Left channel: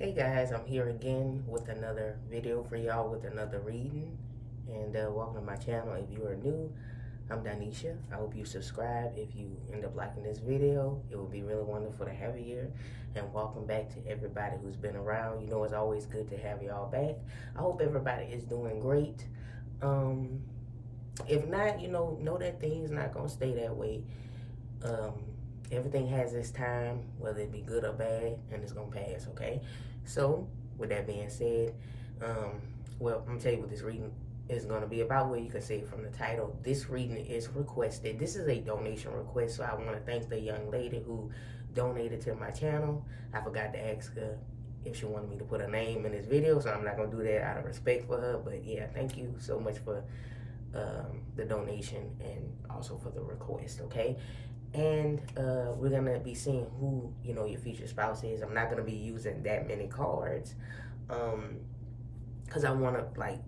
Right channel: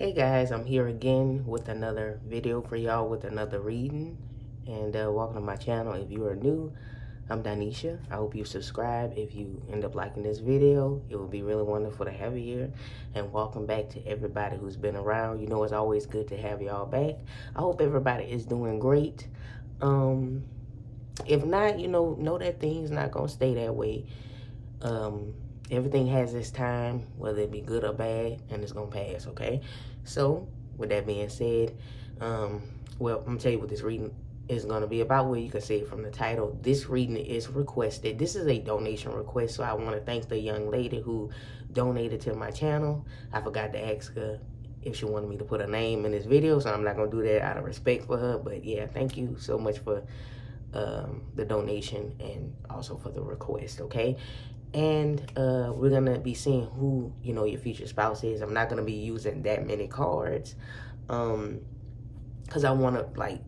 Hey guys, I'm here again with another video for y'all with another reading. And welcome to my channel. If you are new, I'm Donnescha. I hope you subscribe. If you end up liking this video, it would be really wonderful to have you here. And welcome back to everybody who's been around. You know, it's always good to have y'all back. I hope everybody is doing great. If not, know that things not gonna stay that way. Everything has its time, whether it be good or bad, and it's gonna pass, okay? So, with that being said, well, I'm gonna tell you what this reading is gonna be about. Where you can see it from the title. This reading is requested. This is a donation request, so I want to thank the young lady who donated to my channel. I forgot to ask her if she wanted me to put a name in this video, so I'm not gonna do that out of respect for her. But yeah, thank you so much for the donation and also for the request, okay? And we're gonna be seeing who your future spouse is. I'm not gonna be using that many cards because I want to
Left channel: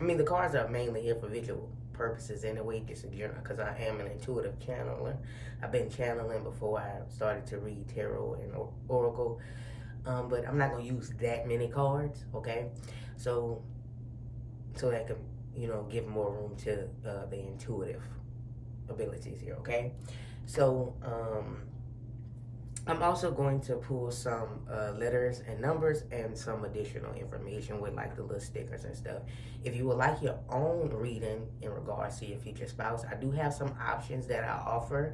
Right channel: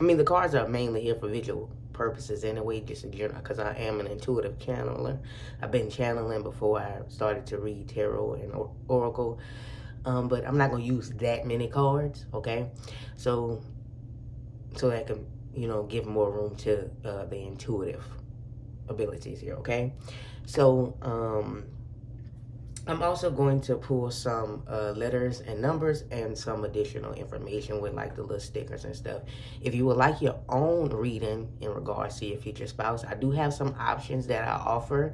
the cards are mainly here for visual purposes anyway, just in general, because I am an intuitive channeler. I've been channeling before I started to read tarot and oracle, but I'm not gonna use that many cards, okay? So that can give more room to the intuitive abilities here, okay? So I'm also going to pull some letters and numbers and some additional information with like the little stickers and stuff. If you would like your own reading in regards to your future spouse, I do have some options that I offer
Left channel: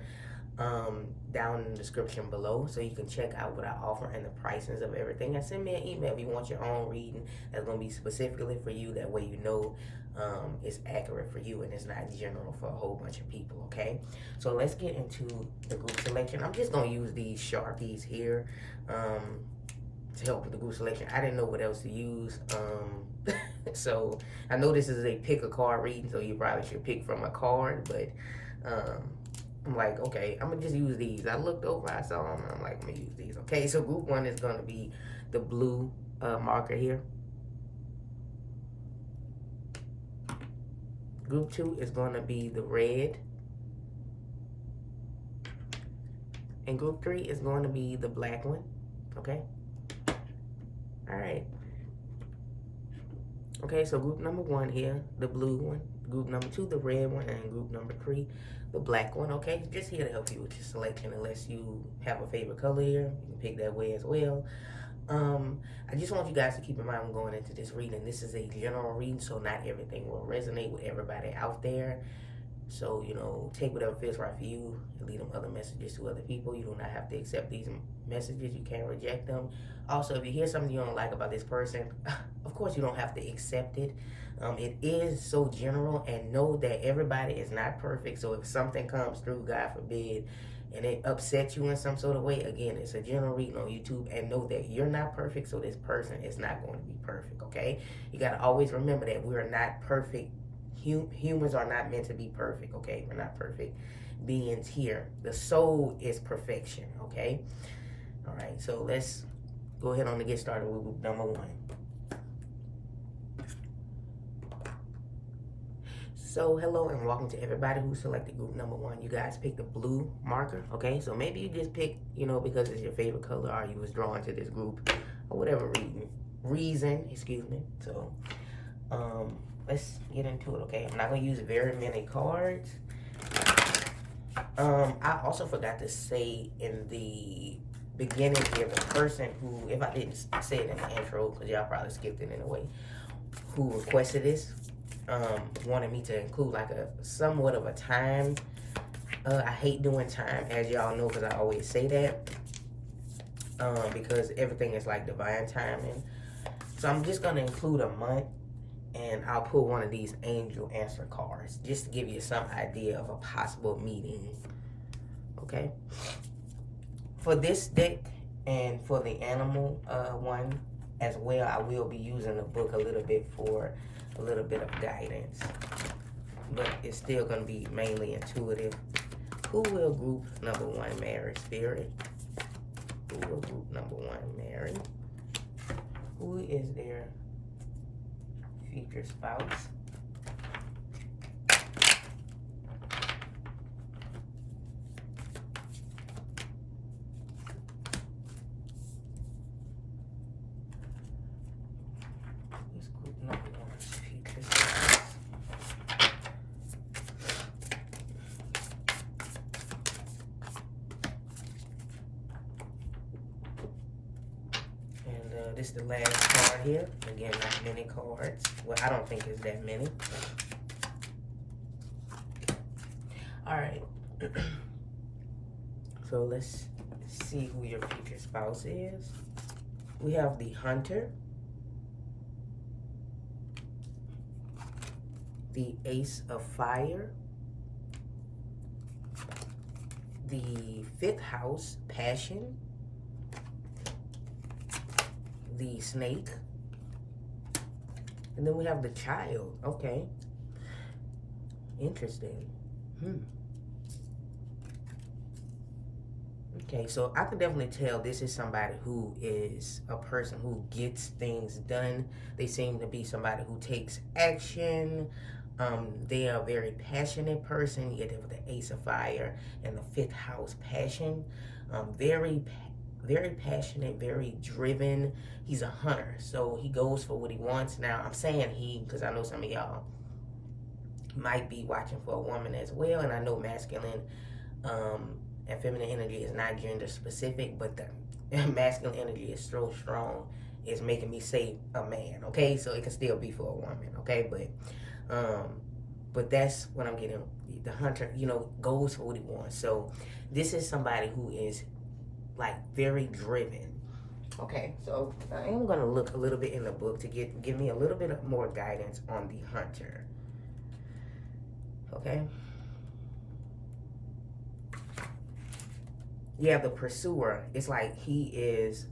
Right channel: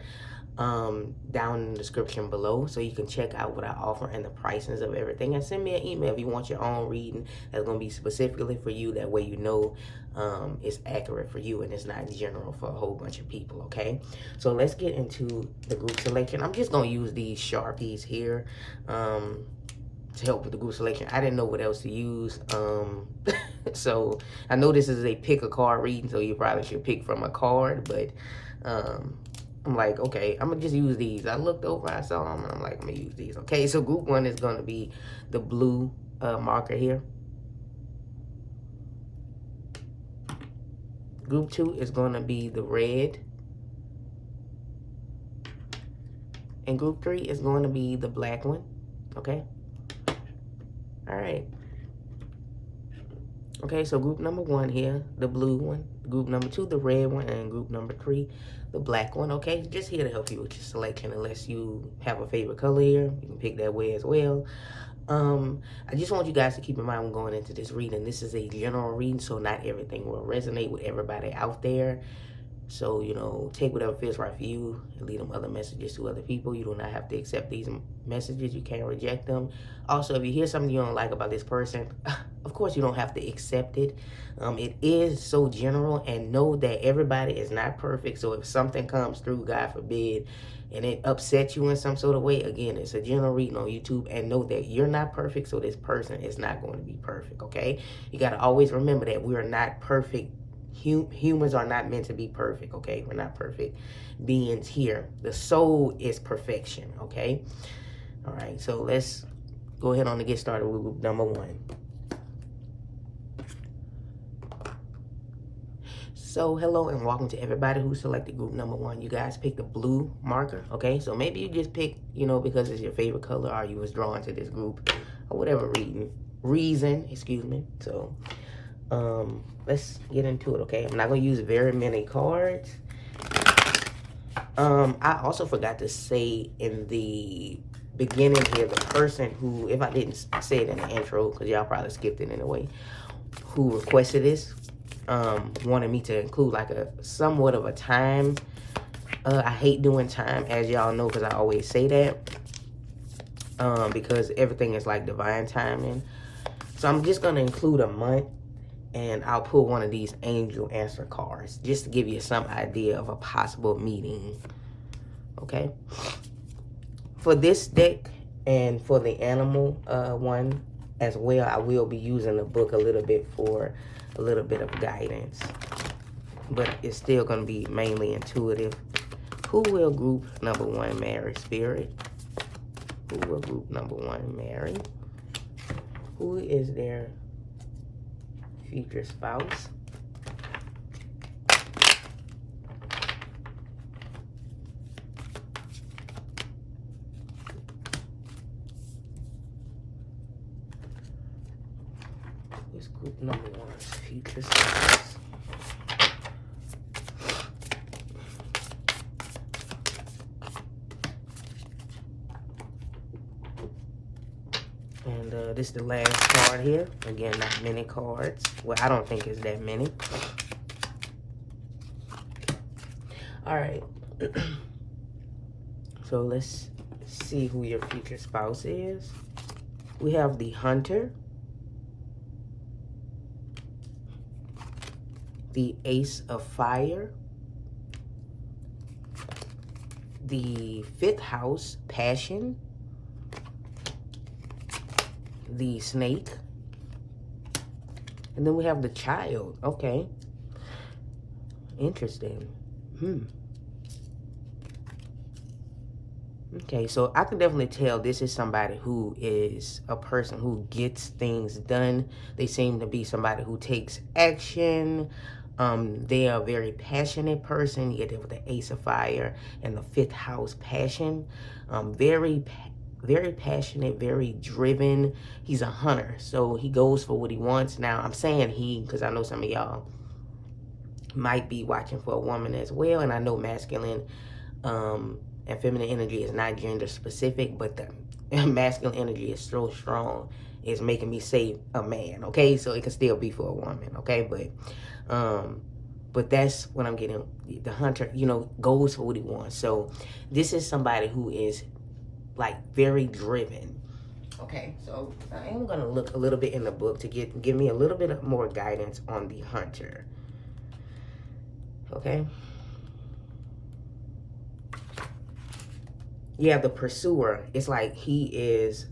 down in the description below, so you can check out what I offer and the pricings of everything, and send me an email if you want your own reading that's going to be specifically for you. That way it's accurate for you and it's not general for a whole bunch of people, okay? So let's get into the group selection. I'm just going to use these Sharpies here to help with the group selection. I didn't know what else to use. So I know this is a pick a card reading, so you probably should pick from a card, but I'm like, okay, I'm gonna just use these. I looked over, I saw them, and I'm like, I'm gonna use these. Okay, so group one is gonna be the blue marker here. Group two is gonna be the red. And group three is going to be the black one, okay? All right. Okay, so group number one here, the blue one. Group number two, the red one. And group number three, the black one, okay? Just here to help you with your selection. Unless you have a favorite color here, you can pick that way as well. I just want you guys to keep in mind when going into this reading, this is a general reading, so not everything will resonate with everybody out there. So, take whatever feels right for you and leave them other messages to other people. You do not have to accept these messages. You can't reject them. Also, if you hear something you don't like about this person, of course you don't have to accept it. It is so general, and know that everybody is not perfect. So if something comes through, God forbid, and it upsets you in some sort of way, again, it's a general reading on YouTube, and know that you're not perfect, so this person is not going to be perfect, okay? You got to always remember that we are not perfect. Humans are not meant to be perfect, okay? We're not perfect beings here. The soul is perfection, okay? All right, so let's go ahead on and get started with group number one. So hello and welcome to everybody who selected group number one. You guys picked the blue marker, okay? So maybe you just picked, because it's your favorite color, or you was drawn to this group, or whatever reason, excuse me. So let's get into it, okay? I'm not gonna use very many cards. I also forgot to say in the beginning here, the person who, if I didn't say it in the intro, because y'all probably skipped it anyway, who requested this, wanted me to include like somewhat of a time. I hate doing time, as y'all know, because I always say that, because everything is like divine timing. So I'm just gonna include a month, and I'll pull one of these angel answer cards just to give you some idea of a possible meeting, okay? For this deck and for the animal one as well, I will be using the book a little bit for a little bit of guidance, but it's still going to be mainly intuitive. Who will group number one marry, Spirit? Who will group number one marry? Who is their future spouse? Group number 1's future spouse. And this is the last card here. Again, not many cards. Well, I don't think it's that many. All right. So let's see who your future spouse is. We have the Hunter, the Ace of Fire, the 5th house, Passion, the Snake, and then we have the Child. Okay. Interesting. Okay, so I can definitely tell this is somebody who is a person who gets things done. They seem to be somebody who takes action. They are a very passionate person. You get it with the Ace of Fire and the 5th house, Passion. Very passionate, very driven. He's a hunter, so he goes for what he wants. Now, I'm saying he because I know some of y'all might be watching for a woman as well, and I know masculine and feminine energy is not gender specific, but the masculine energy is so strong, it's making me say a man, okay? So it can still be for a woman, okay? But that's what I'm getting. The hunter, you know, goes for what he wants. So this is somebody who is like very driven. Okay, so I am gonna look a little bit in the book to give me a little bit more guidance on the hunter. Okay. Yeah, the pursuer. It's like he is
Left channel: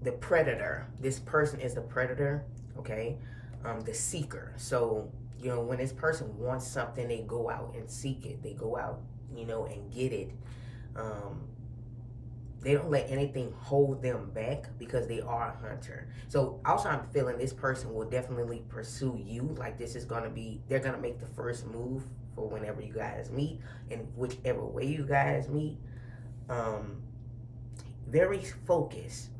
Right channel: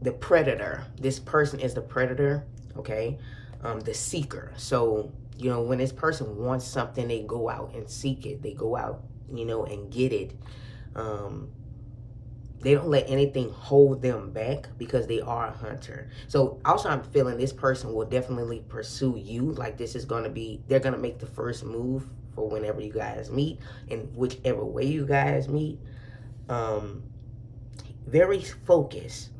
the predator. This person is the predator, okay? The seeker. So, you know, when this person wants something, they go out and seek it. They go out, you know, and get it. They don't let anything hold them back because they are a hunter. So also I'm feeling this person will definitely pursue you. Like this is going to be, they're going to make the first move for whenever you guys meet, in whichever way you guys meet. Very focused,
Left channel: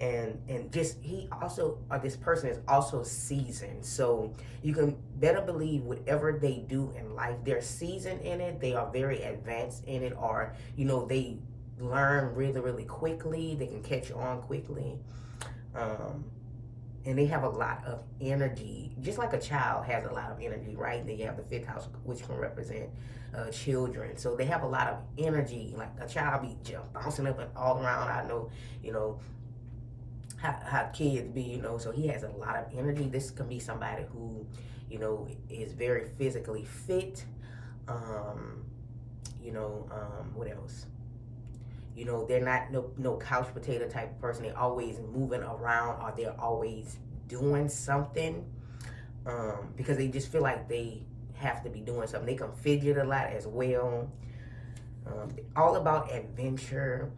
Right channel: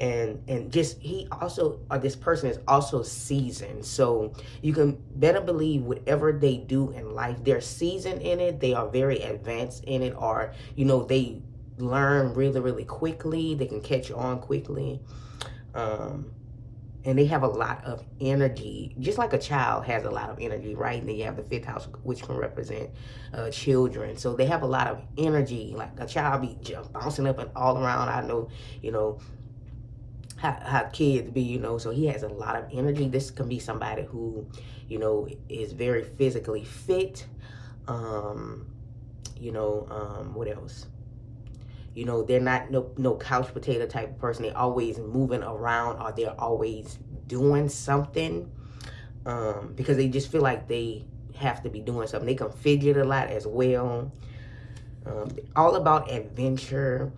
and just he also, or this person is also seasoned. So you can better believe whatever they do in life, they're seasoned in it. They are very advanced in it, or you know, they learn really quickly. They can catch on quickly, and they have a lot of energy, just like a child has a lot of energy, right? And then you have the 5th house, which can represent children. So they have a lot of energy, like a child be bouncing up and all around. I know, you know, how kids be, you know, so he has a lot of energy. This can be somebody who, you know, is very physically fit. What else? You know, they're not no couch potato type of person. They're always moving around, or they're always doing something, because they just feel like they have to be doing something. They can fidget a lot as well. All about adventure.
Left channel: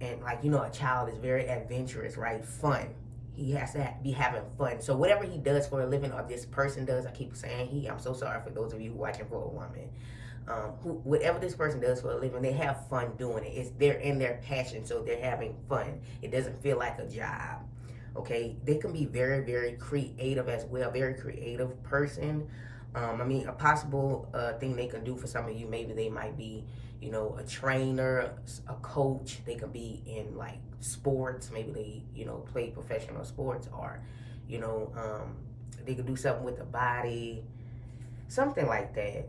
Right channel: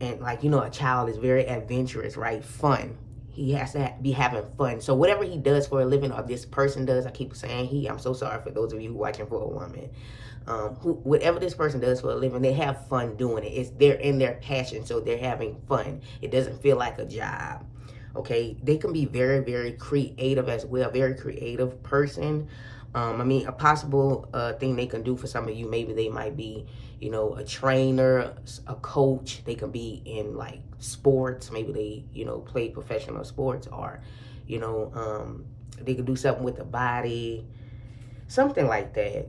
And like, you know, a child is very adventurous, right? Fun. He has to be having fun. So whatever he does for a living, or this person does, I keep saying he, I'm so sorry for those of you watching for a woman. Whatever this person does for a living, they have fun doing it. They're in their passion, so they're having fun. It doesn't feel like a job. Okay, they can be very creative as well. Very creative person. I mean, a possible thing they can do for some of you, maybe they might be, you know, a trainer, a coach. They can be in like sports. Maybe they, you know, play professional sports, or, you know, they can do something with the body, something like that.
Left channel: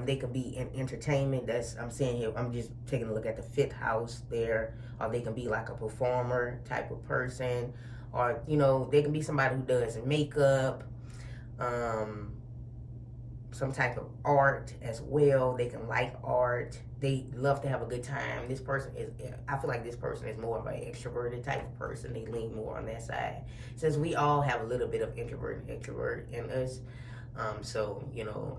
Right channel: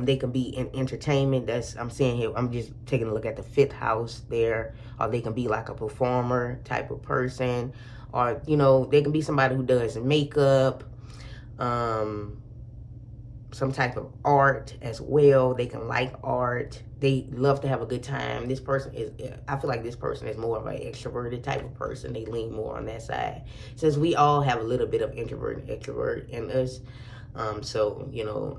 They can be in entertainment. That's, I'm saying here, I'm just taking a look at the 5th house there. Or they can be like a performer type of person. Or, you know, they can be somebody who does makeup, some type of art as well. They can like art. They love to have a good time. This person is, I feel like this person is more of an extroverted type of person. They lean more on that side. Since we all have a little bit of introvert and extrovert in us. So, you know,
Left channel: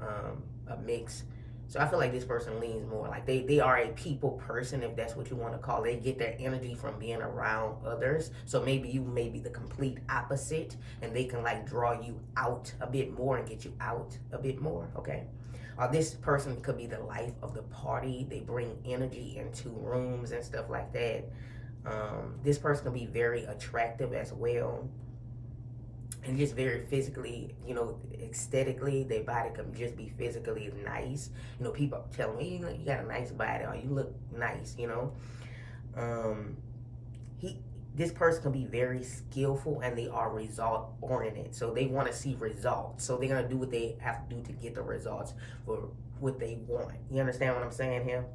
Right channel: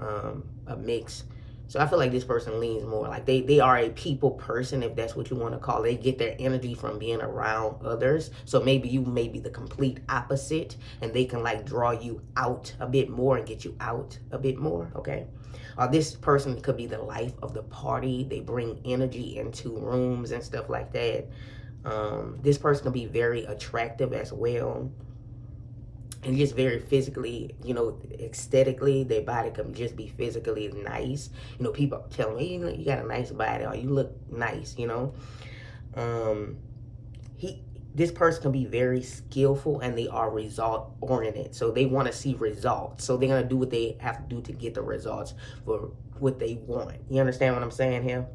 a mix. So I feel like this person leans more like they are a people person, if that's what you want to call it. They get their energy from being around others. So maybe you may be the complete opposite, and they can like draw you out a bit more and get you out a bit more, okay? Or this person could be the life of the party. They bring energy into rooms and stuff like that. This person can be very attractive as well, and just very physically, you know, aesthetically, their body can just be physically nice. You know, people tell me, hey, you got a nice body, or you look nice, you know. This person can be very skillful, and they are result oriented, so they want to see results, so they're going to do what they have to do to get the results for what they want. You understand what I'm saying here?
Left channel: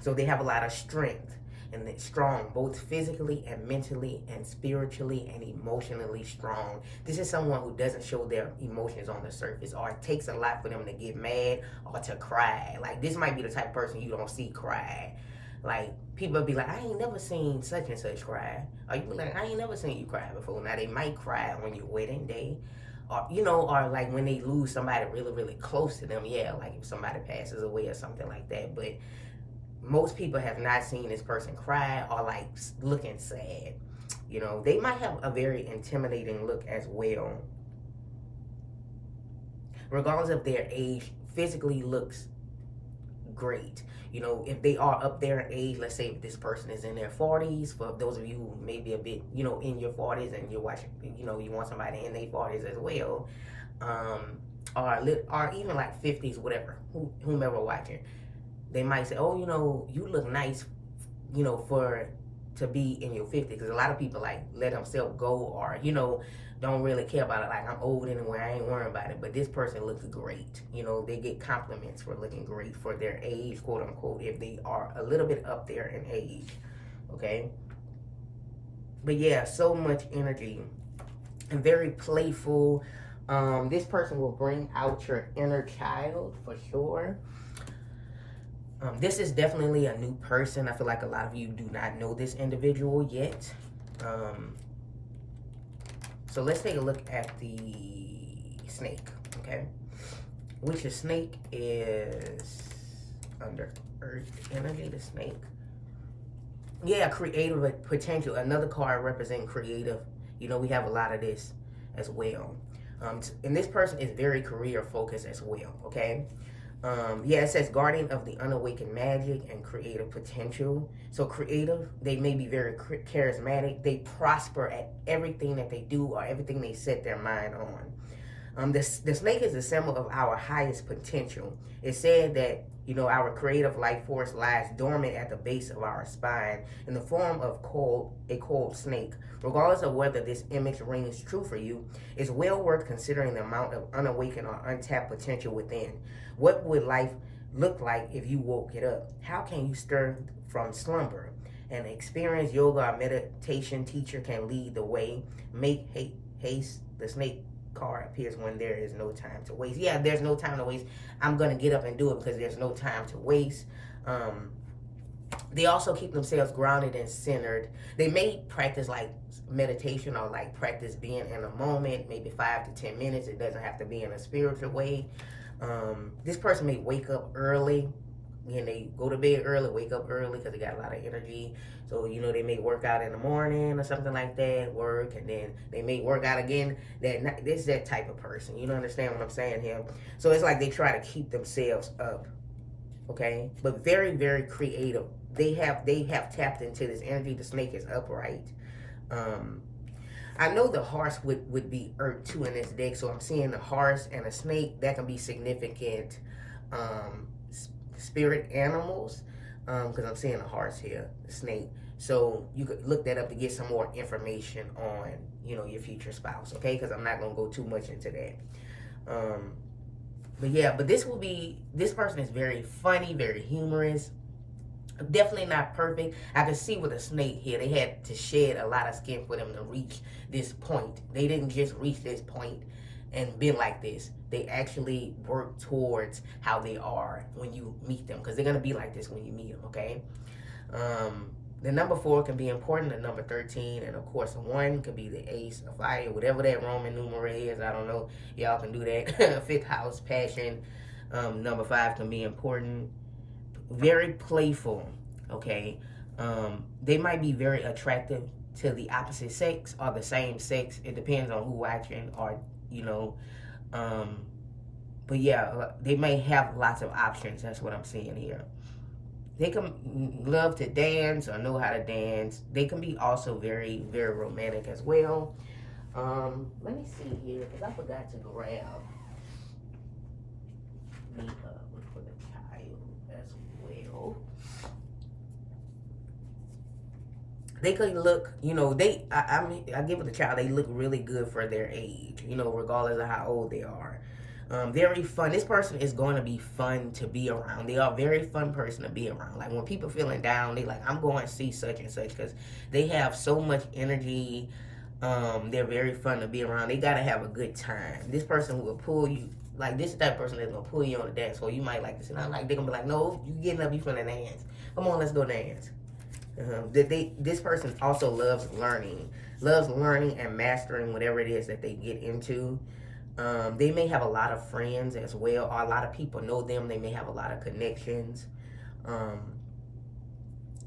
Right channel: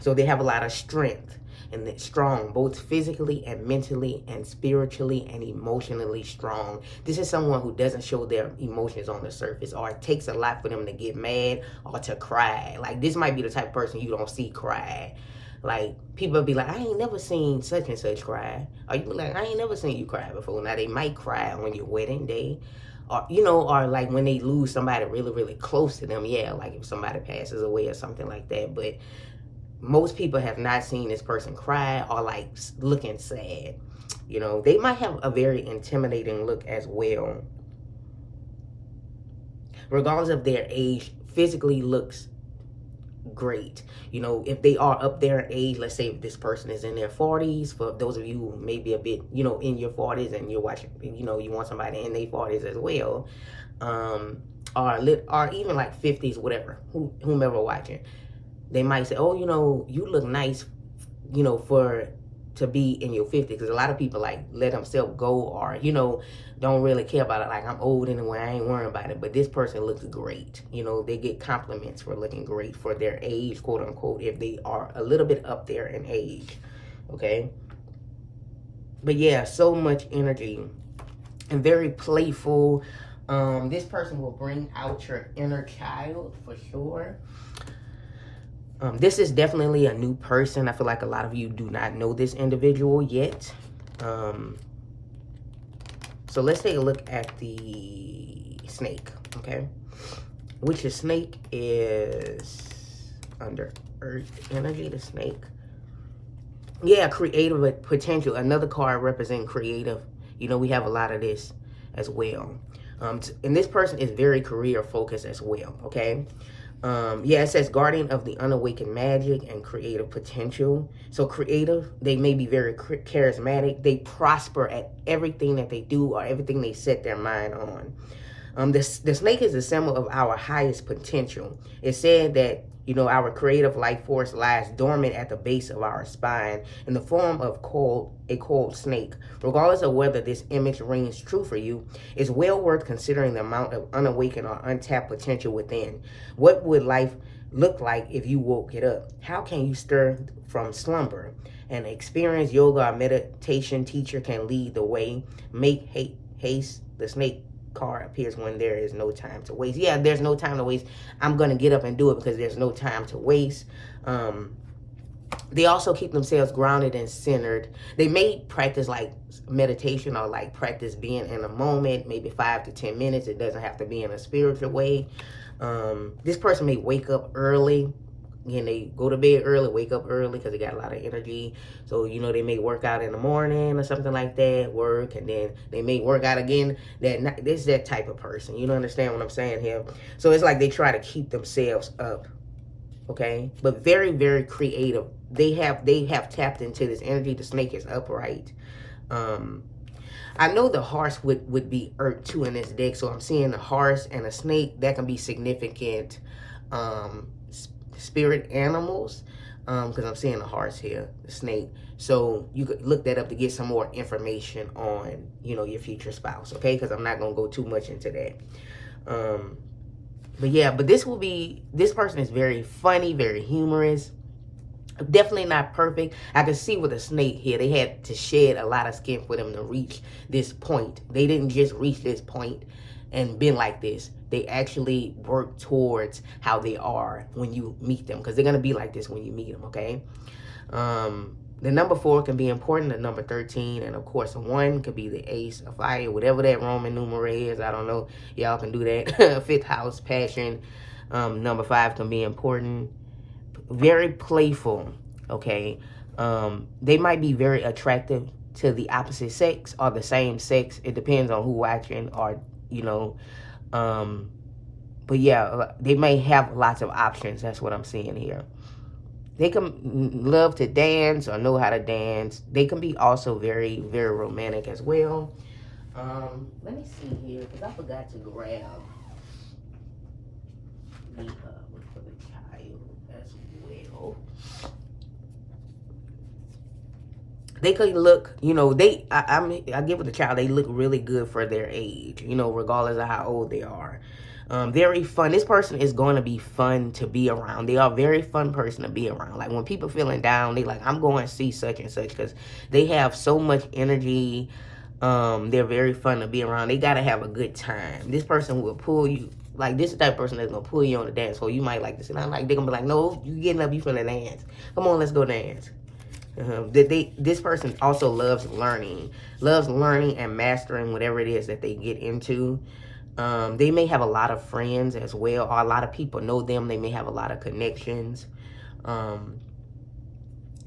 So they have a lot of strength, and they're strong, both physically and mentally and spiritually and emotionally strong. This is someone who doesn't show their emotions on the surface, or it takes a lot for them to get mad or to cry. Like, this might be the type of person you don't see cry. Like, people be like, I ain't never seen such and such cry. Or you be like, I ain't never seen you cry before. Now, they might cry on your wedding day. Or, you know, or like when they lose somebody really, really close to them. Yeah, like if somebody passes away or something like that. But most people have not seen this person cry or like looking sad. You know, they might have a very intimidating look as well. Regardless of their age, physically looks great. You know, if they are up there in age, let's say if this person is in their 40s, for those of you who may be a bit, you know, in your 40s and you're watching, you know, you want somebody in their 40s as well, or even like 50s, whatever, whomever watching, they might say, oh, you know, you look nice, you know, to be in your 50s, because a lot of people like let themselves go, or, you know, don't really care about it. Like, I'm old anyway, I ain't worrying about it. But this person looks great. You know, they get compliments for looking great for their age, quote unquote, if they are a little bit up there in age. Okay? But yeah, so much energy and very playful. This person will bring out your inner child for sure. This is definitely a new person. I feel like a lot of you do not know this individual yet. So let's take a look at the snake, okay? Which the snake is under earth energy, the snake. Yeah, creative potential. Another card representing creative. You know, we have a lot of this as well. And this person is very career focused as well, okay? Yeah, it says guardian of the unawakened magic and creative potential. So creative, they may be very charismatic. They prosper at everything that they do or everything they set their mind on. The snake is a symbol of our highest potential. It's said that, you know, our creative life force lies dormant at the base of our spine in the form of a coiled snake. Regardless of whether this image rings true for you, it's well worth considering the amount of unawakened or untapped potential within. What would life look like if you woke it up? How can you stir from slumber? An experienced yoga or meditation teacher can lead the way. Make haste. The snake card appears when there is no time to waste. Yeah, there's no time to waste. I'm going to get up and do it because there's no time to waste. They also keep themselves grounded and centered. They may practice like meditation or like practice being in a moment, maybe 5 to 10 minutes. It doesn't have to be in a spiritual way. This person may wake up early. Again, they go to bed early, wake up early because they got a lot of energy. So, you know, they may work out in the morning or something like that, work, and then they may work out again that night. This is that type of person. You don't understand what I'm saying here? So it's like they try to keep themselves up, okay? But very, very creative. They have tapped into this energy. The snake is upright. I know the horse would be earth too in this deck, so I'm seeing the horse and a snake. That can be significant spirit animals, because I'm seeing the horse here, the snake. So you could look that up to get some more information on, you know, your future spouse, okay? Because I'm not going to go too much into that. But yeah, but this person is very funny, very humorous. Definitely not perfect. I can see with a snake here, they had to shed a lot of skin for them to reach this point. They didn't just reach this point and been like this. They actually work towards how they are when you meet them, because they're going to be like this when you meet them, okay? The number 4 can be important, the number 13, and of course 1 could be the ace of fire, whatever that Roman numeral is. I don't know. Y'all can do that. 5th house, passion. Number 5 can be important. Very playful, okay? They might be very attractive to the opposite sex or the same sex. It depends on who watching, or, you know, but yeah, they may have lots of options. That's what I'm seeing here. they can love to dance or know how to dance. They can be also very, very romantic as well. Let me see here, because I forgot to grab the one for the child as well. They could look, you know, I give it a child, they look really good for their age, you know, regardless of how old they are. Very fun. This person is going to be fun to be around. They are a very fun person to be around. Like when people feeling down, they like, I'm going to see such and such, because they have so much energy. They're very fun to be around. They got to have a good time. This person will pull you. Like, this is the type of person that's going to pull you on the dance floor. You might like to sit down. Like, they're going to be like, no, you getting up, you finna dance. Come on, let's go dance. This person also loves learning and mastering whatever it is that they get into. They may have a lot of friends as well, or a lot of people know them. They may have a lot of connections.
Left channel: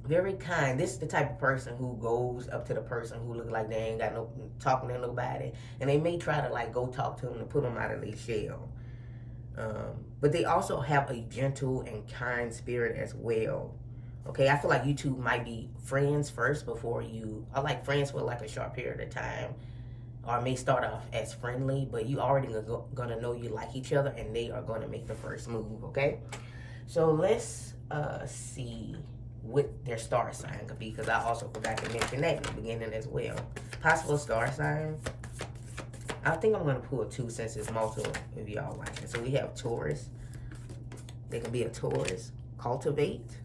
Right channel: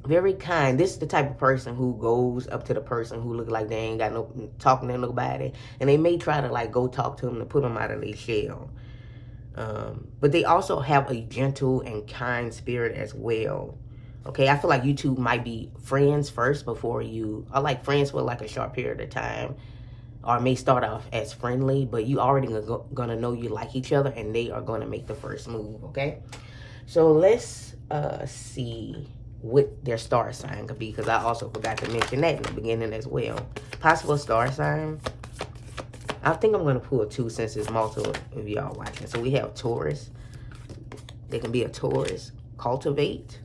Very kind. This is the type of person who goes up to the person who look like they ain't got no talking to nobody, and they may try to like go talk to them to put them out of their shell. But they also have a gentle and kind spirit as well. Okay, I feel like you two might be friends first before you are like friends for like a short period of time, or may start off as friendly, but you already gonna know you like each other, and they are gonna make the first move. Okay, so let's see what their star sign could be, because I also forgot to mention that in the beginning as well. Possible star sign. I think I'm gonna pull two since it's multiple of y'all watching. So we have Taurus. They can be a Taurus. Cultivate.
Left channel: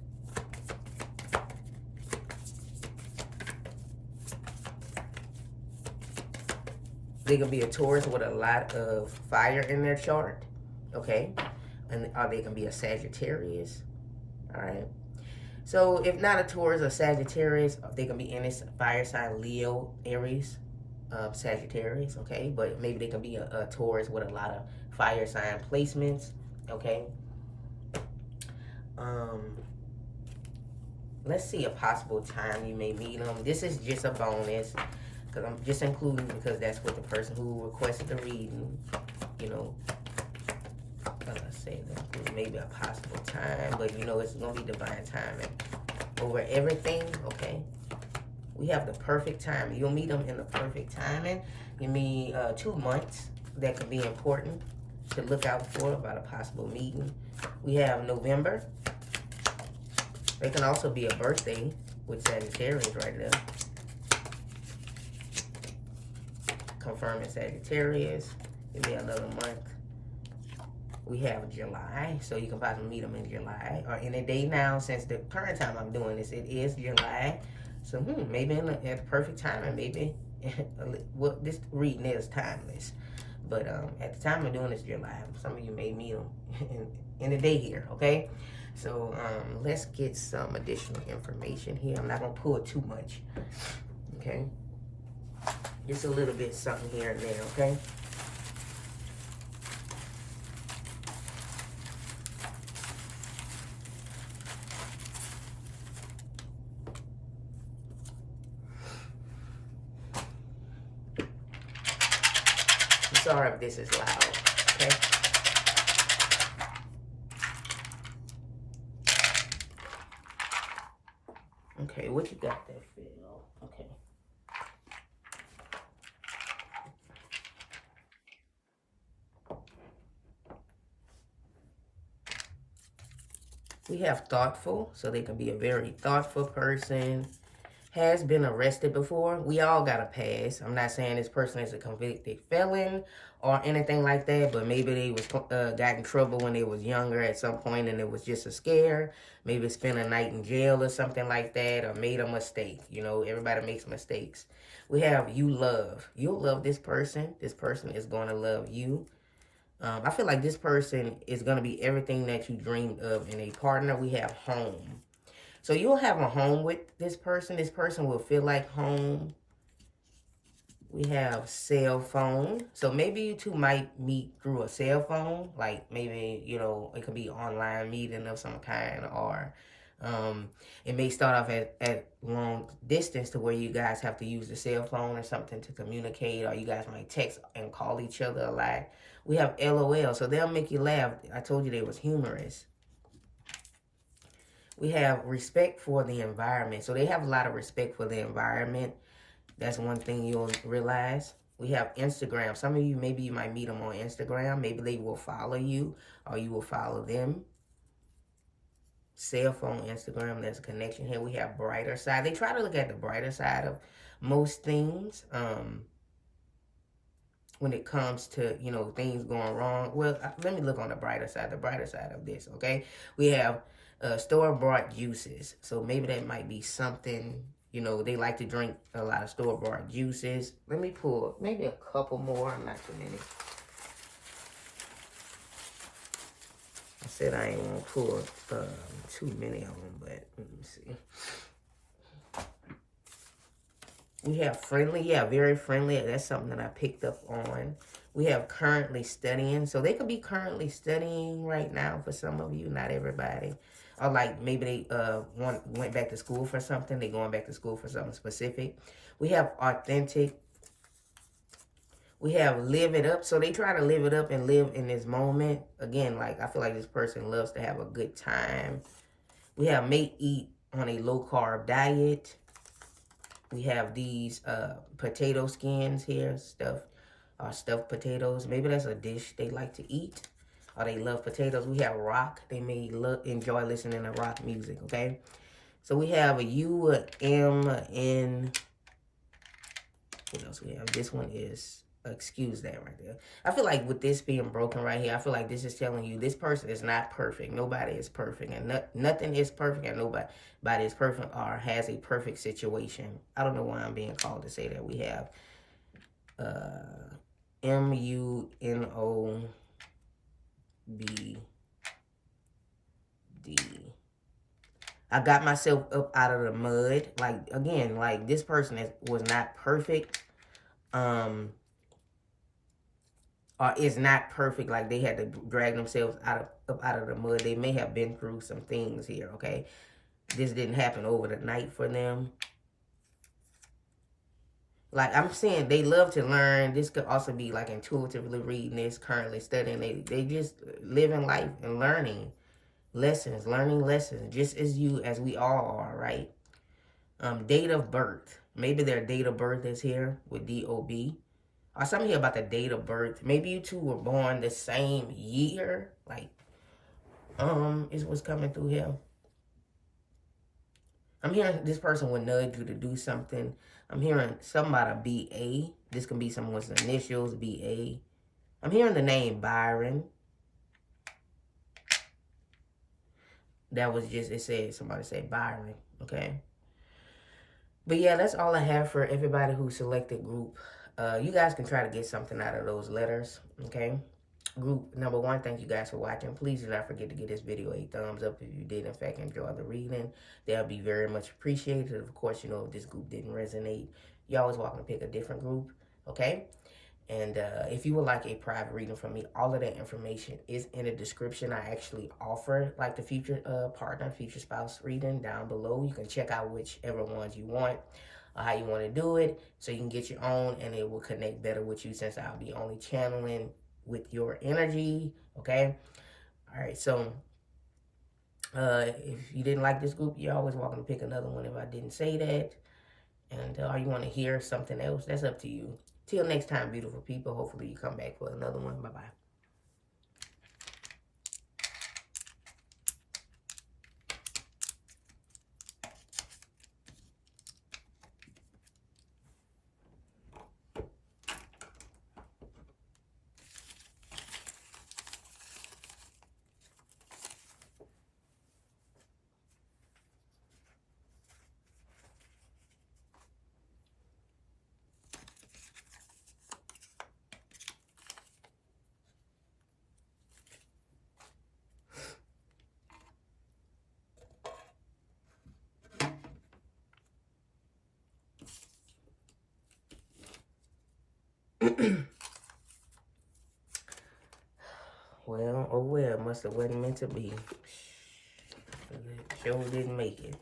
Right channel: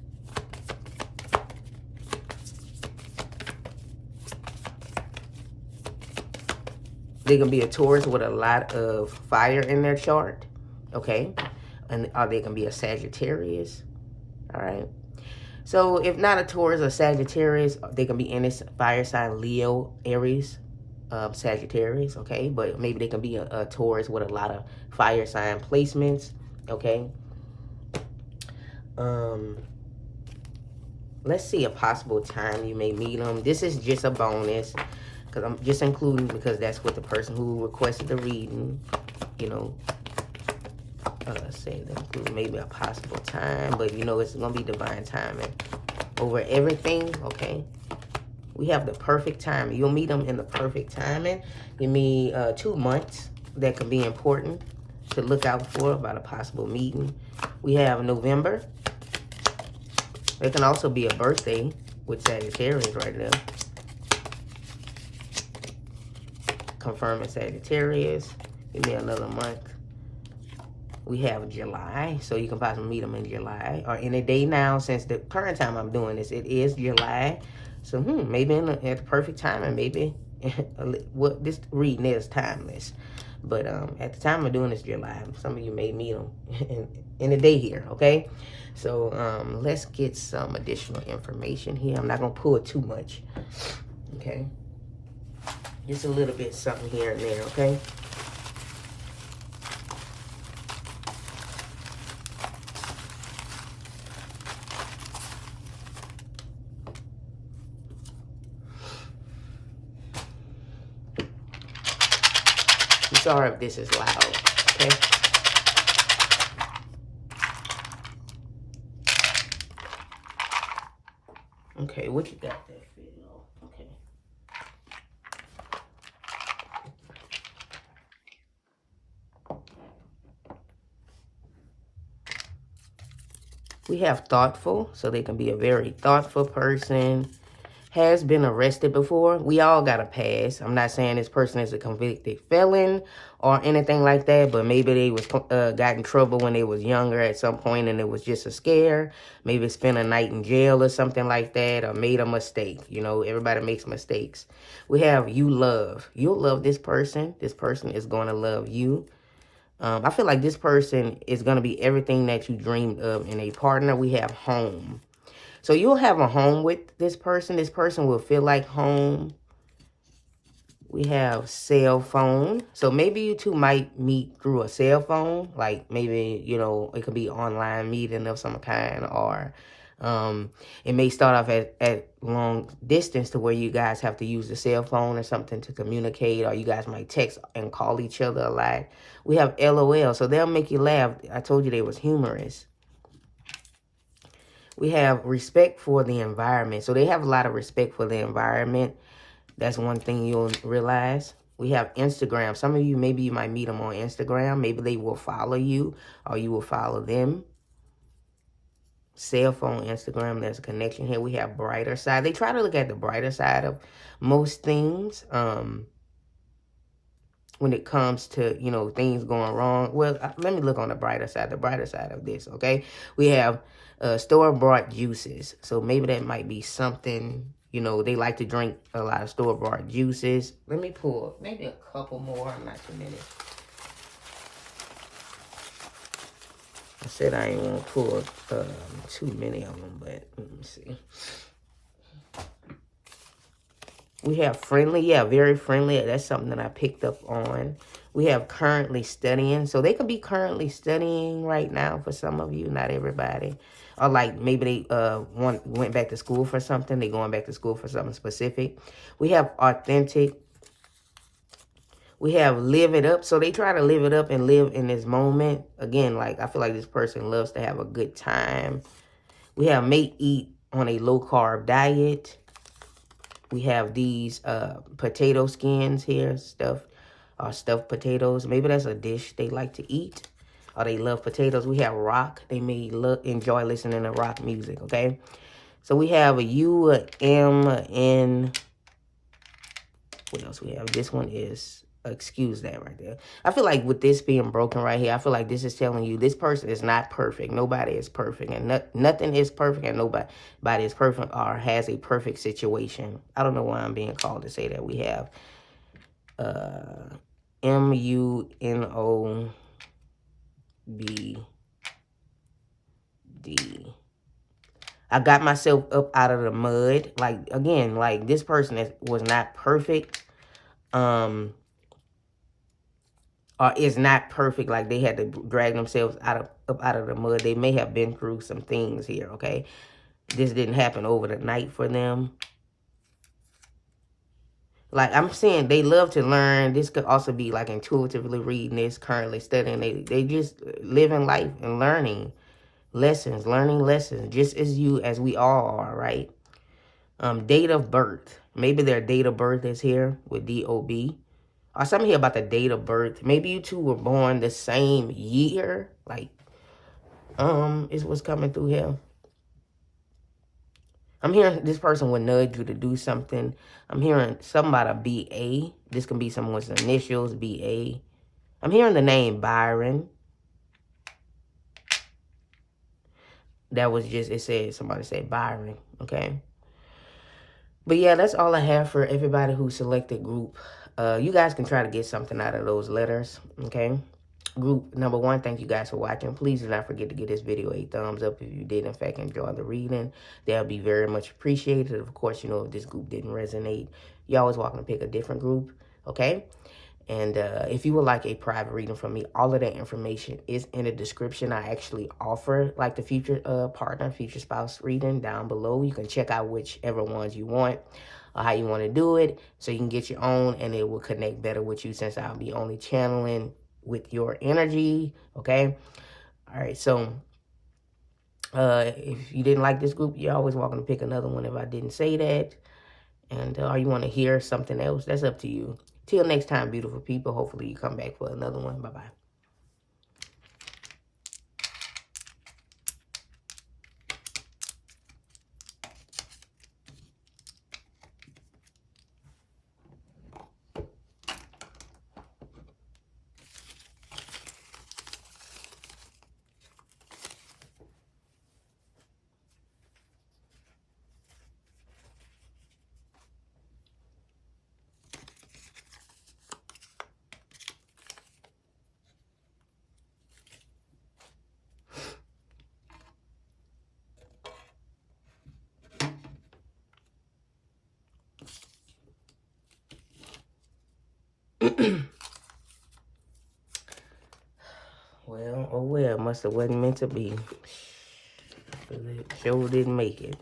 They can be a Taurus with a lot of fire in their chart, okay? Or they can be a Sagittarius, all right? So if not a Taurus or Sagittarius, they can be any fire sign, Leo, Aries, Sagittarius, okay? But maybe they can be a Taurus with a lot of fire sign placements, okay? Let's see a possible time you may meet them. This is just a bonus, because I'm just including because that's what the person who requested the reading, you know, say maybe a possible time, but you know it's gonna be divine timing over everything. Okay, we have the perfect timing. You'll meet them in the perfect timing. Give me 2 months that could be important to look out for about a possible meeting. We have November. It can also be a birthday with Sagittarius right there. Confirming Sagittarius. Give me another month. We have July, so you can possibly meet them in July or any day now. Since the current time I'm doing this, it is July. So maybe at the perfect time, and maybe what this reading is timeless. But at the time of doing this, July, some of you may meet them in the day here. Okay, so let's get some additional information here. I'm not gonna pull too much. Okay, just a little bit something here and there. Okay. Sorry if this is loud, okay? Okay, what you got there, Phil? Okay. We have thoughtful, so they can be a very thoughtful person. Has been arrested before. We all got a past. I'm not saying this person is a convicted felon or anything like that, but maybe they was got in trouble when they was younger at some point and it was just a scare. Maybe spent a night in jail or something like that, or made a mistake. You know, everybody makes mistakes. We have you love. You'll love this person. This person is going to love you. I feel like this person is going to be everything that you dreamed of in a partner. We have home. So you'll have a home with this person. This person will feel like home. We have cell phone. So maybe you two might meet through a cell phone. Like maybe, you know, it could be online meeting of some kind. Or it may start off at long distance to where you guys have to use the cell phone or something to communicate. Or you guys might text and call each other a lot. We have LOL. So they'll make you laugh. I told you they was humorous. We have respect for the environment. So they have a lot of respect for the environment. That's one thing you'll realize. We have Instagram. Some of you, maybe you might meet them on Instagram. Maybe they will follow you or you will follow them. Cell phone, Instagram, there's a connection here. We have brighter side. They try to look at the brighter side of most things. When it comes to, you know, things going wrong. Well, let me look on the brighter side of this, okay? We have store-bought juices. So maybe that might be something, you know, they like to drink a lot of store-bought juices. Let me pull maybe a couple more, not too many. I said I ain't want to pull too many of them, but let me see. We have friendly, yeah, very friendly. That's something that I picked up on. We have currently studying. So they could be currently studying right now for some of you, not everybody. Or like maybe they went back to school for something. They're going back to school for something specific. We have authentic. We have live it up. So they try to live it up and live in this moment. Again, like I feel like this person loves to have a good time. We have may eat on a low-carb diet. We have these potato skins here, stuffed potatoes. Maybe that's a dish they like to eat, or they love potatoes. We have rock. They may enjoy listening to rock music, okay? So we have a U, a M, a N. What else we have? This one is, excuse that right there. I feel like with this being broken right here, I feel like this is telling you this person is not perfect. Nobody is perfect, and nothing is perfect, and nobody is perfect or has a perfect situation. I don't know why I'm being called to say that. We have MUNOBD. I got myself up out of the mud. Like, again, like this person was not perfect. Or is not perfect, like they had to drag themselves up out of the mud. They may have been through some things here, okay? This didn't happen over the night for them. Like I'm saying, they love to learn. This could also be like intuitively reading this, currently studying. They just living life and learning lessons, just as we all are, right? Date of birth. Maybe their date of birth is here with DOB. Or something here about the date of birth. Maybe you two were born the same year. Like, is what's coming through here. I'm hearing this person would nudge you to do something. I'm hearing something about a BA. This can be someone's initials, BA. I'm hearing the name Byron. That was just, somebody said Byron, okay? But yeah, that's all I have for everybody who selected group. You guys can try to get something out of those letters, okay? Group number 1, thank you guys for watching. Please do not forget to give this video a thumbs up if you did, in fact, enjoy the reading. That would be very much appreciated. Of course, you know, if this group didn't resonate, you're always welcome to pick a different group, okay? And if you would like a private reading from me, all of that information is in the description. I actually offer like the future partner, future spouse reading down below. You can check out whichever ones you want or how you want to do it, so you can get your own and it will connect better with you, since I'll be only channeling with your energy, okay? All right, so if you didn't like this group, you're always welcome to pick another one if I didn't say that. And or you want to hear something else, that's up to you. Till next time, beautiful people. Hopefully you come back for another one. Bye-bye. Well, oh well, must have wasn't meant to be. Sure didn't make it.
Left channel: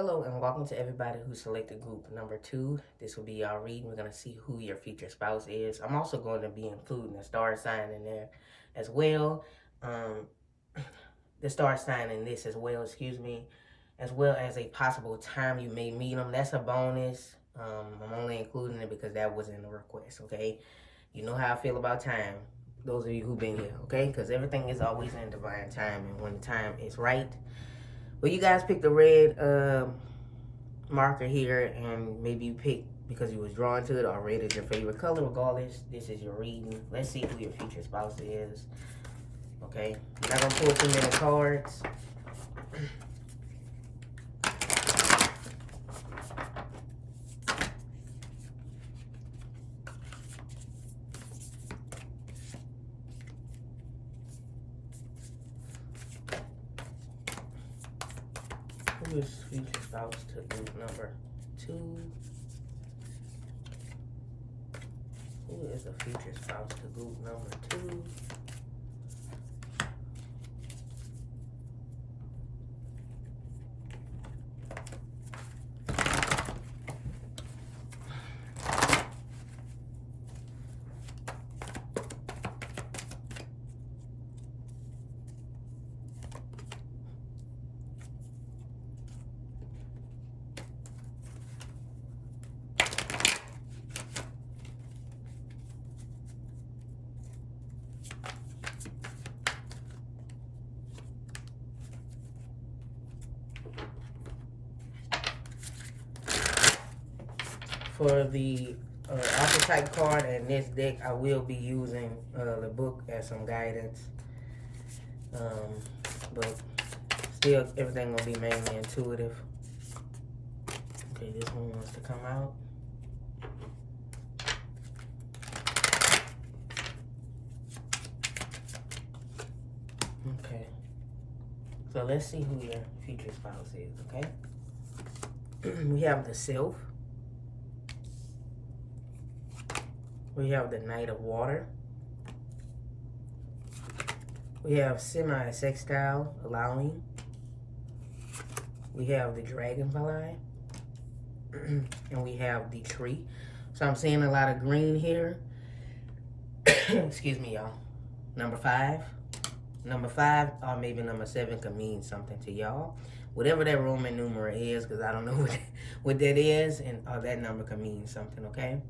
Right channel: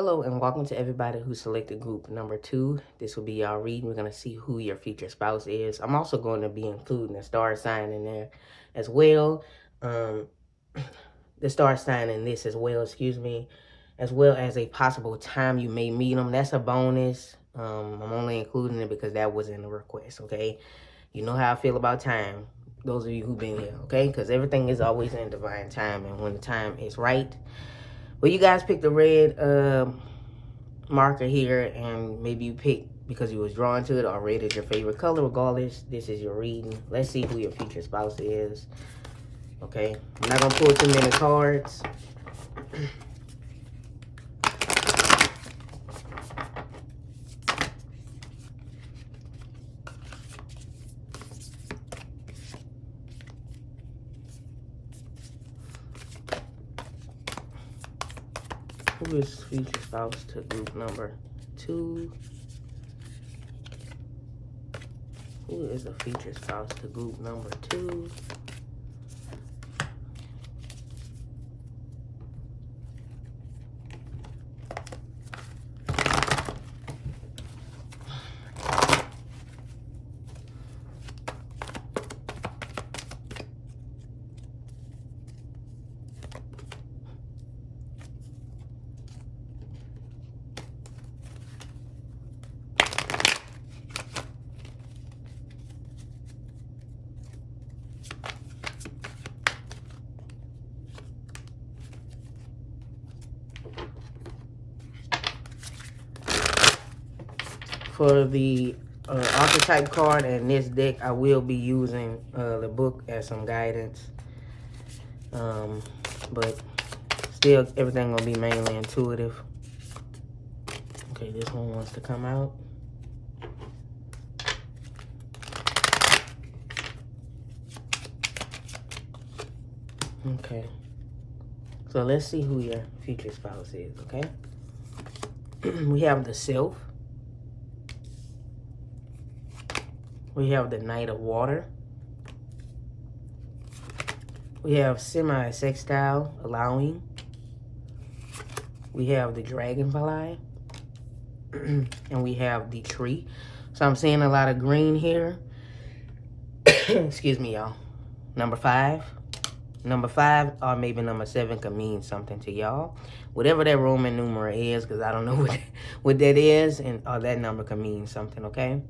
Hello and welcome to everybody who selected group number 2. This will be y'all reading. We're going to see who your future spouse is. I'm also going to be including a star sign in there as well. The star sign in this as well, as well as a possible time you may meet them. That's a bonus. I'm only including it because that was in the request, okay? You know how I feel about time, those of you who've been here, okay? Because everything is always in divine time, and when the time is right. Well, you guys picked the red marker here, and maybe you picked because you was drawn to it, or red is your favorite color. Regardless, this is your reading. Let's see who your future spouse is. Okay, I'm not gonna pull too many cards. Who is future spouse to group number 2? Who is the future spouse to group number 2? For the archetype card and this deck, I will be using the book as some guidance. But still, everything will be mainly intuitive. Okay, this one wants to come out. Okay. So let's see who your future spouse is, okay? We have the Self. We have the Knight of Water. We have Semi-Sextile, Allowing. We have the Dragonfly. And we have the Tree. So I'm seeing a lot of green here. Excuse me, y'all. Number 5. Number 5 or maybe number 7 could mean something to y'all. Whatever that Roman numeral is, because I don't know what that is, and or that number could mean something, okay?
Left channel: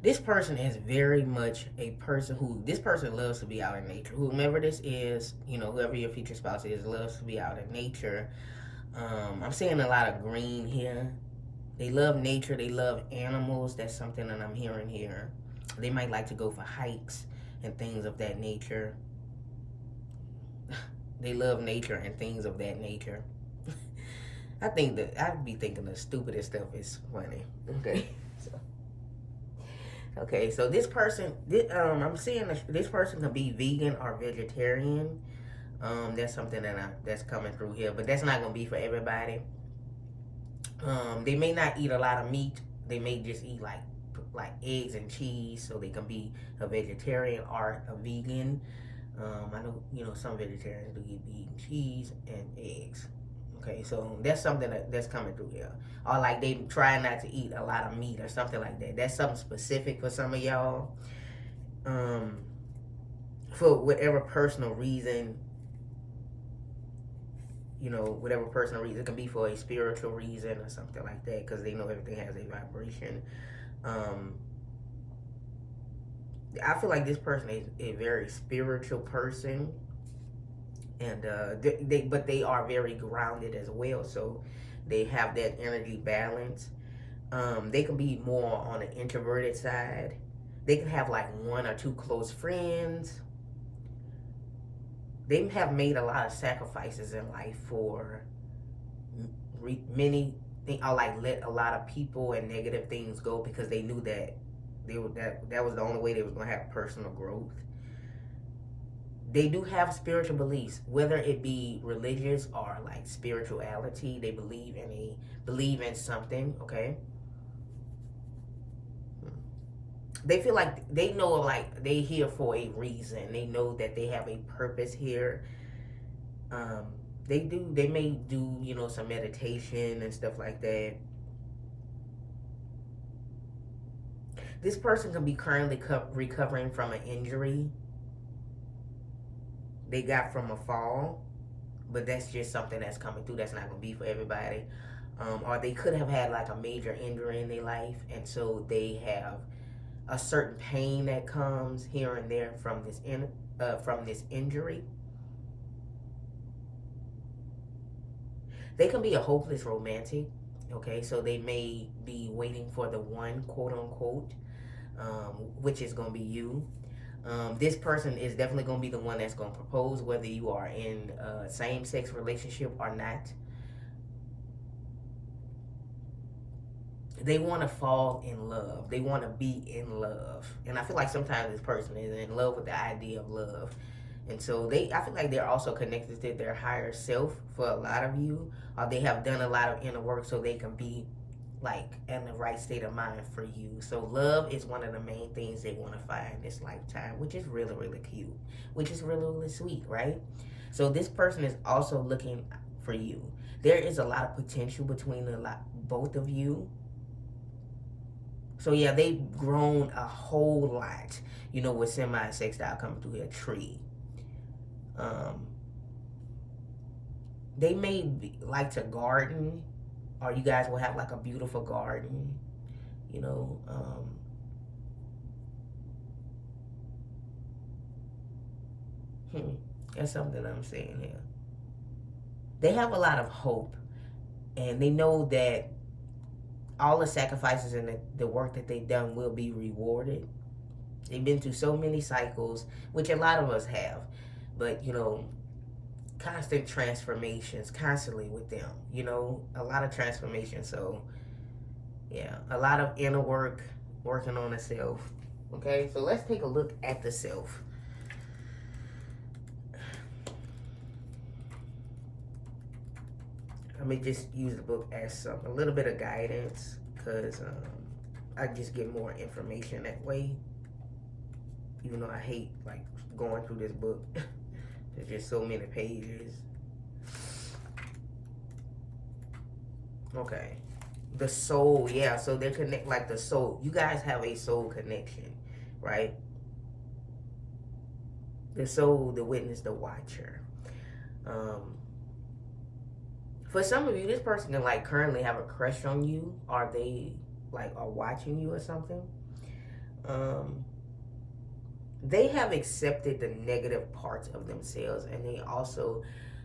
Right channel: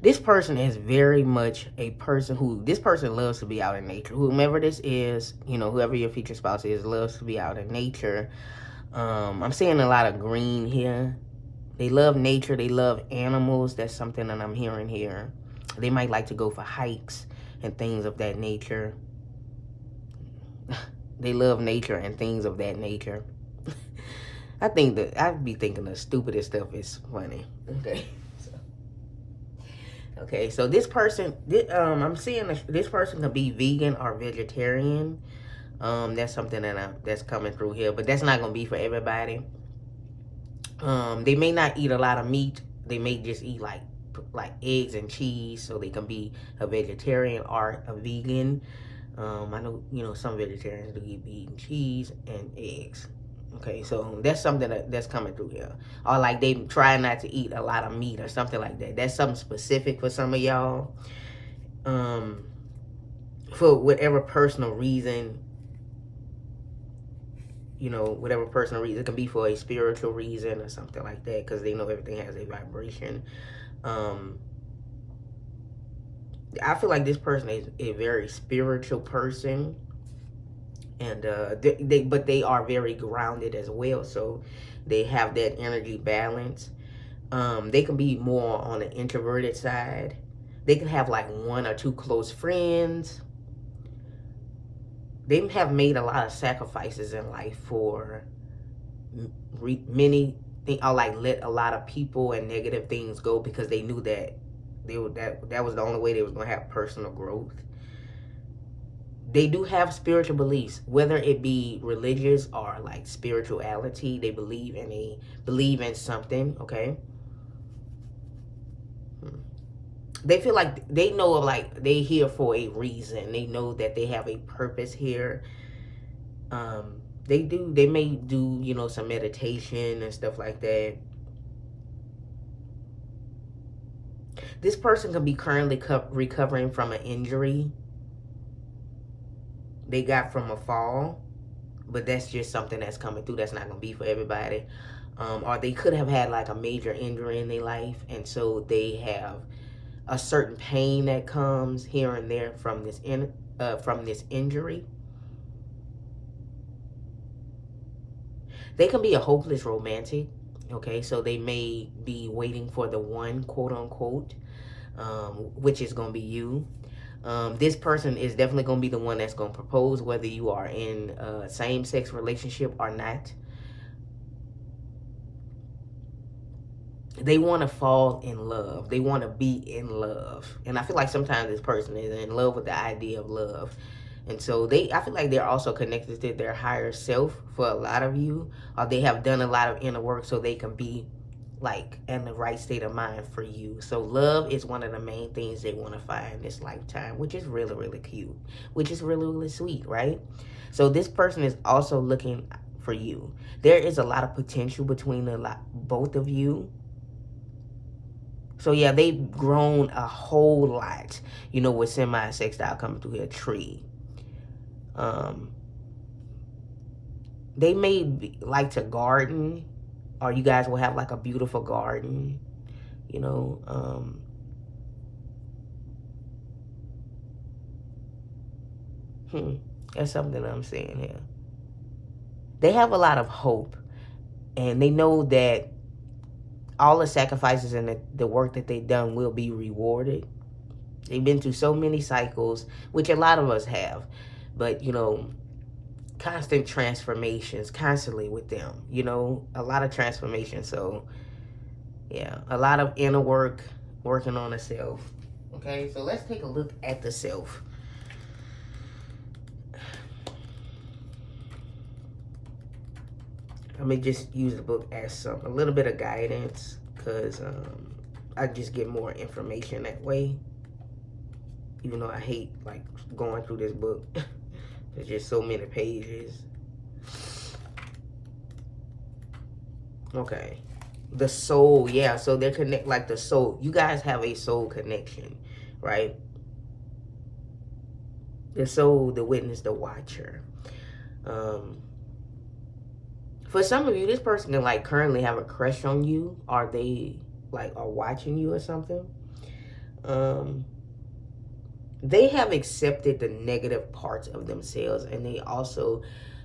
This person is very much a person who, this person loves to be out in nature. Whomever this is, you know, whoever your future spouse is, loves to be out in nature. I'm seeing a lot of green here. They love nature. They love animals. That's something that I'm hearing here. They might like to go for hikes and things of that nature. They love nature and things of that nature. I think that I'd be thinking the stupidest stuff is funny. Okay. Okay, so this person, I'm seeing this person could be vegan or vegetarian. That's something that's coming through here, but that's not gonna be for everybody. They may not eat a lot of meat. They may just eat like eggs and cheese, so they can be a vegetarian or a vegan. I know, you know, some vegetarians do eat meat and cheese and eggs. Okay, so that's something that's coming through here. Or like they try not to eat a lot of meat or something like that. That's something specific for some of y'all. For whatever personal reason, you know, whatever personal reason. It can be for a spiritual reason or something like that, because they know everything has a vibration. I feel like this person is a very spiritual person. And but they are very grounded as well, so they have that energy balance. They can be more on the introverted side. They can have like 1 or 2 close friends. They have made a lot of sacrifices in life for many things, or like let a lot of people and negative things go because they knew that that was the only way they was gonna have personal growth. They do have spiritual beliefs, whether it be religious or like spirituality. They believe in something, okay? They feel like they know, like they here for a reason. They know that they have a purpose here. They may do, you know, some meditation and stuff like that. This person can be currently recovering from an injury they got from a fall, but that's just something that's coming through. That's not going to be for everybody. Or they could have had like a major injury in their life, and so they have a certain pain that comes here and there from this injury. They can be a hopeless romantic, okay? So they may be waiting for the one, quote unquote, which is going to be you. This person is definitely going to be the one that's going to propose, whether you are in a same-sex relationship or not. They want to fall in love. They want to be in love. And I feel like sometimes this person is in love with the idea of love. And so I feel like they're also connected to their higher self for a lot of you. Or they have done a lot of inner work so they can be like in the right state of mind for you. So love is one of the main things they want to find in this lifetime, which is really, really cute, which is really, really sweet, right? So this person is also looking for you. There is a lot of potential between both of you. So yeah, they've grown a whole lot, you know, with semi-sextile coming through here, tree. They may like to garden, or you guys will have like a beautiful garden, you know. That's something I'm saying here. They have a lot of hope, and they know that all the sacrifices and the work that they've done will be rewarded. They've been through so many cycles, which a lot of us have, but, you know, constant transformations constantly with them, you know, a lot of transformation. So yeah, a lot of inner work, working on the self. Okay, so let's take a look at the self. Let me just use the book as a little bit of guidance, because I just get more information that way, even though I hate like going through this book. There's just so many pages. Okay. The soul, yeah. So they're like the soul. You guys have a soul connection, right? The soul, the witness, the watcher. For some of you, this person can like currently have a crush on you, or they like are watching you or something. They have accepted the negative parts of themselves, and they also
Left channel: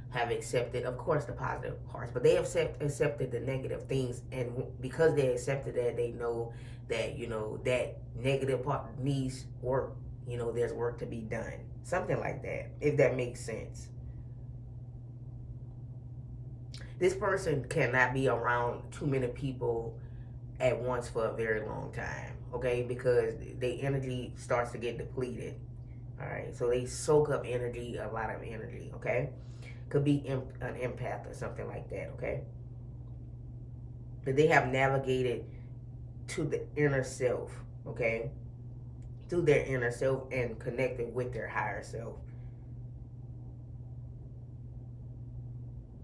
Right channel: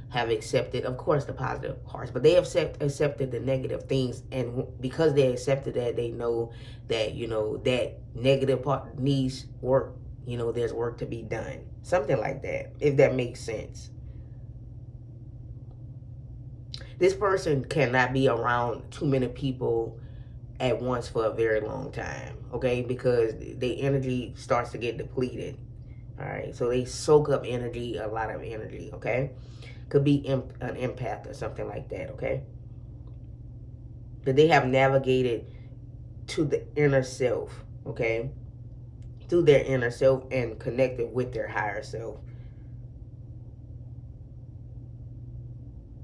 have accepted, of course, the positive parts, but they have accepted the negative things, and because they accepted that, they know that, you know, that negative part needs work. You know, there's work to be done. Something like that, if that makes sense. This person cannot be around too many people at once for a very long time, okay? Because their energy starts to get depleted, all right? So they soak up energy, a lot of energy, okay? Could be an empath or something like that, okay? But they have navigated to the inner self, okay? Through their inner self and connected with their higher self.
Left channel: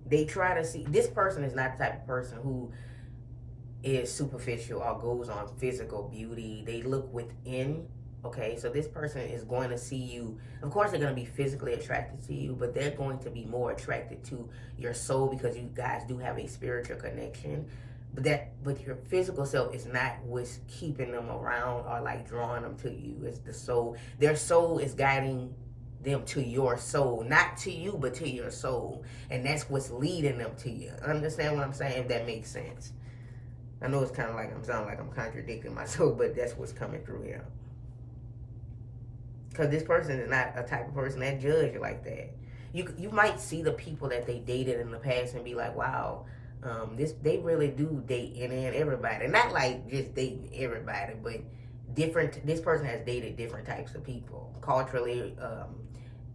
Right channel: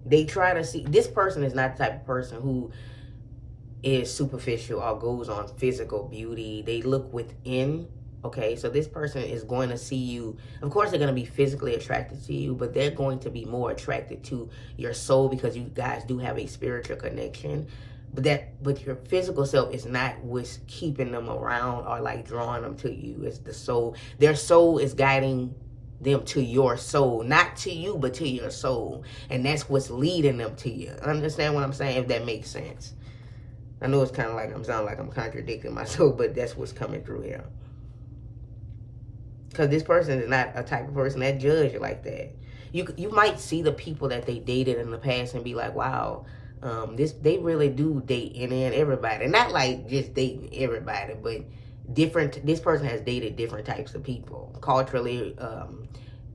They try to see, this person is not the type of person who is superficial or goes on physical beauty. They look within, okay? So this person is going to see you. Of course, they're going to be physically attracted to you, but they're going to be more attracted to your soul, because you guys do have a spiritual connection. But your physical self is not what's keeping them around or like drawing them to you. It's the soul. Their soul is guiding them to your soul, not to you, but to your soul. And that's what's leading them to you. Understand what I'm saying? If that makes sense. I know it's kind of like I'm sounding like I'm contradicting myself, but that's what's coming through here. Because this person is not a type of person that judge you like that. You might see the people that they dated in the past and be like, wow, they really do date any and everybody. Not like just dating everybody, but this person has dated different types of people, culturally,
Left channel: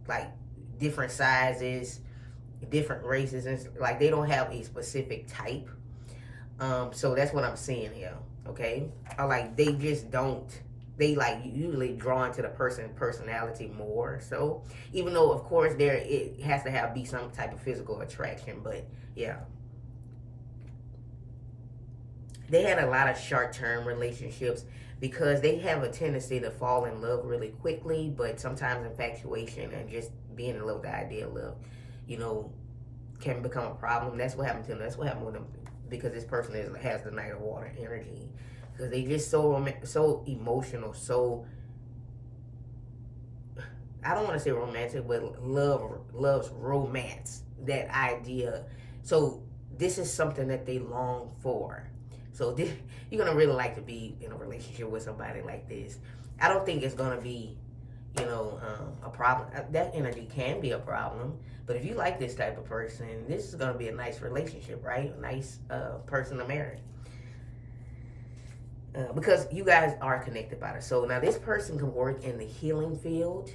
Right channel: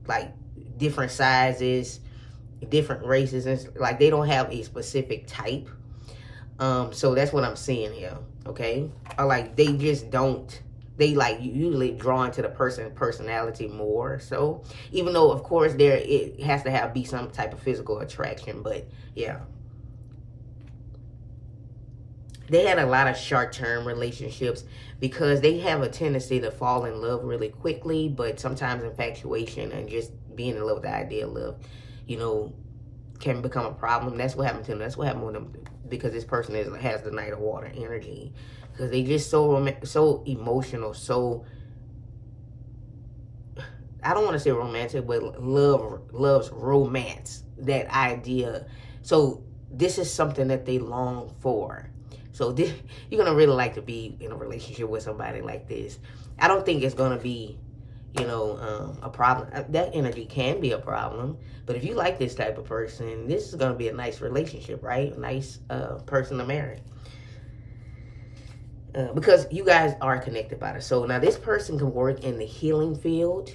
like different sizes, different races, and like they don't have a specific type. So that's what I'm seeing here, okay? Or like they just don't they like usually drawn to the personality more. So even though of course there it has to be some type of physical attraction, but yeah, they had a lot of short-term relationships because they have a tendency to fall in love really quickly, but sometimes infatuation and just being in love with the idea of love, you know, can become a problem. That's what happened to them. That's what happened with them, because this person has the Knight of Water energy, because they just so emotional, so, I don't want to say romantic, but loves romance, that idea. So this is something that they long for. So this, you're gonna really like to be in a relationship with somebody like this. I don't think it's gonna be, you know, a problem. That energy can be a problem, but if you like this type of person, this is gonna be a nice relationship, right? A nice person to marry. Because you guys are connected by the soul. Now, this person can work in the healing field,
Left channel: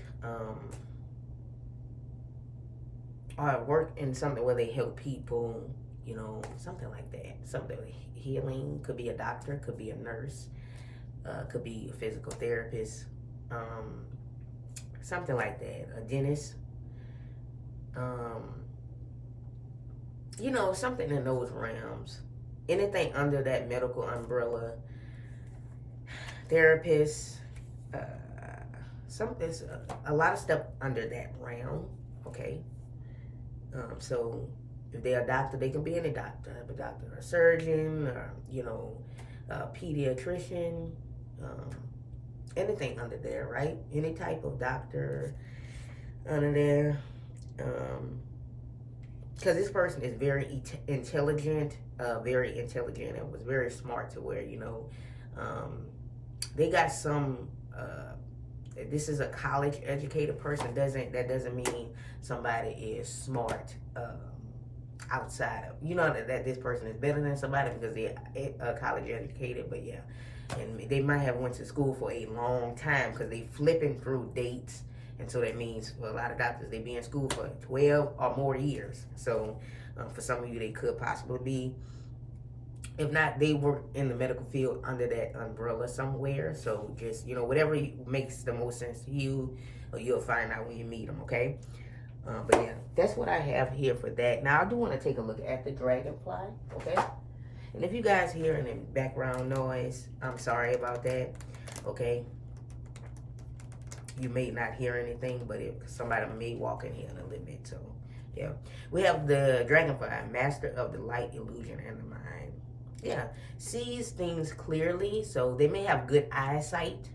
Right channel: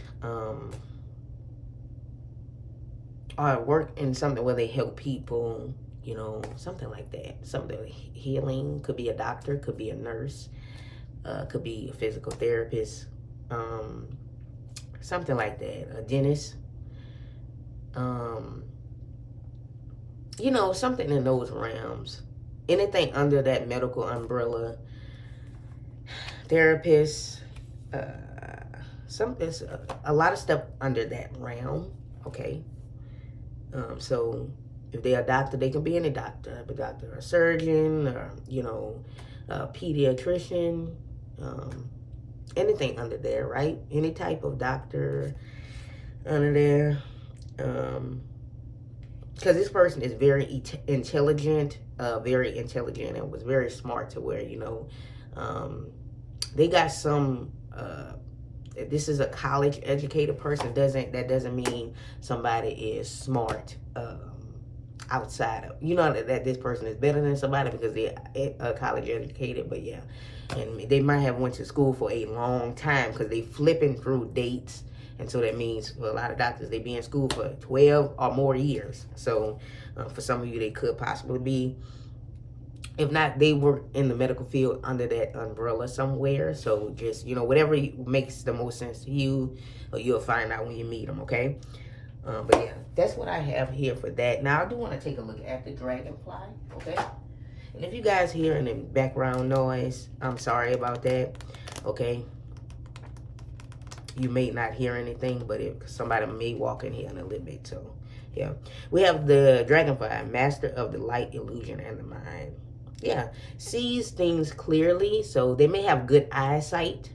or work in something where they help people, you know, something like that. Something healing. Could be a doctor, could be a nurse, could be a physical therapist, something like that. A dentist, you know, something in those realms. Anything under that medical umbrella. Therapists, a lot of stuff under that realm, okay? So if they're a doctor, they can be any doctor, a surgeon, or, you know, a pediatrician, anything under there, right? Any type of doctor under there. Because this person is very intelligent, and was very smart to where, you know, they got some, this is a college educated person. That doesn't mean somebody is smart outside of, you know, that this person is better than somebody because they're college educated. But yeah, and they might have went to school for a long time because they flipping through dates. And so that means for a lot of doctors, they be in school for 12 or more years. So for some of you, they could possibly be. If not, they work in the medical field under that umbrella somewhere. So just, you know, whatever makes the most sense to you, you'll find out when you meet them, okay? But yeah, that's what I have here for that. Now, I do want to take a look at the dragonfly, okay? And if you guys hear any background noise, I'm sorry about that, okay? You may not hear anything, but somebody may walk in here in a little bit, so yeah. We have the dragonfly, master of the light, illusion, and the mind. Yeah, sees things clearly, so they may have good eyesight.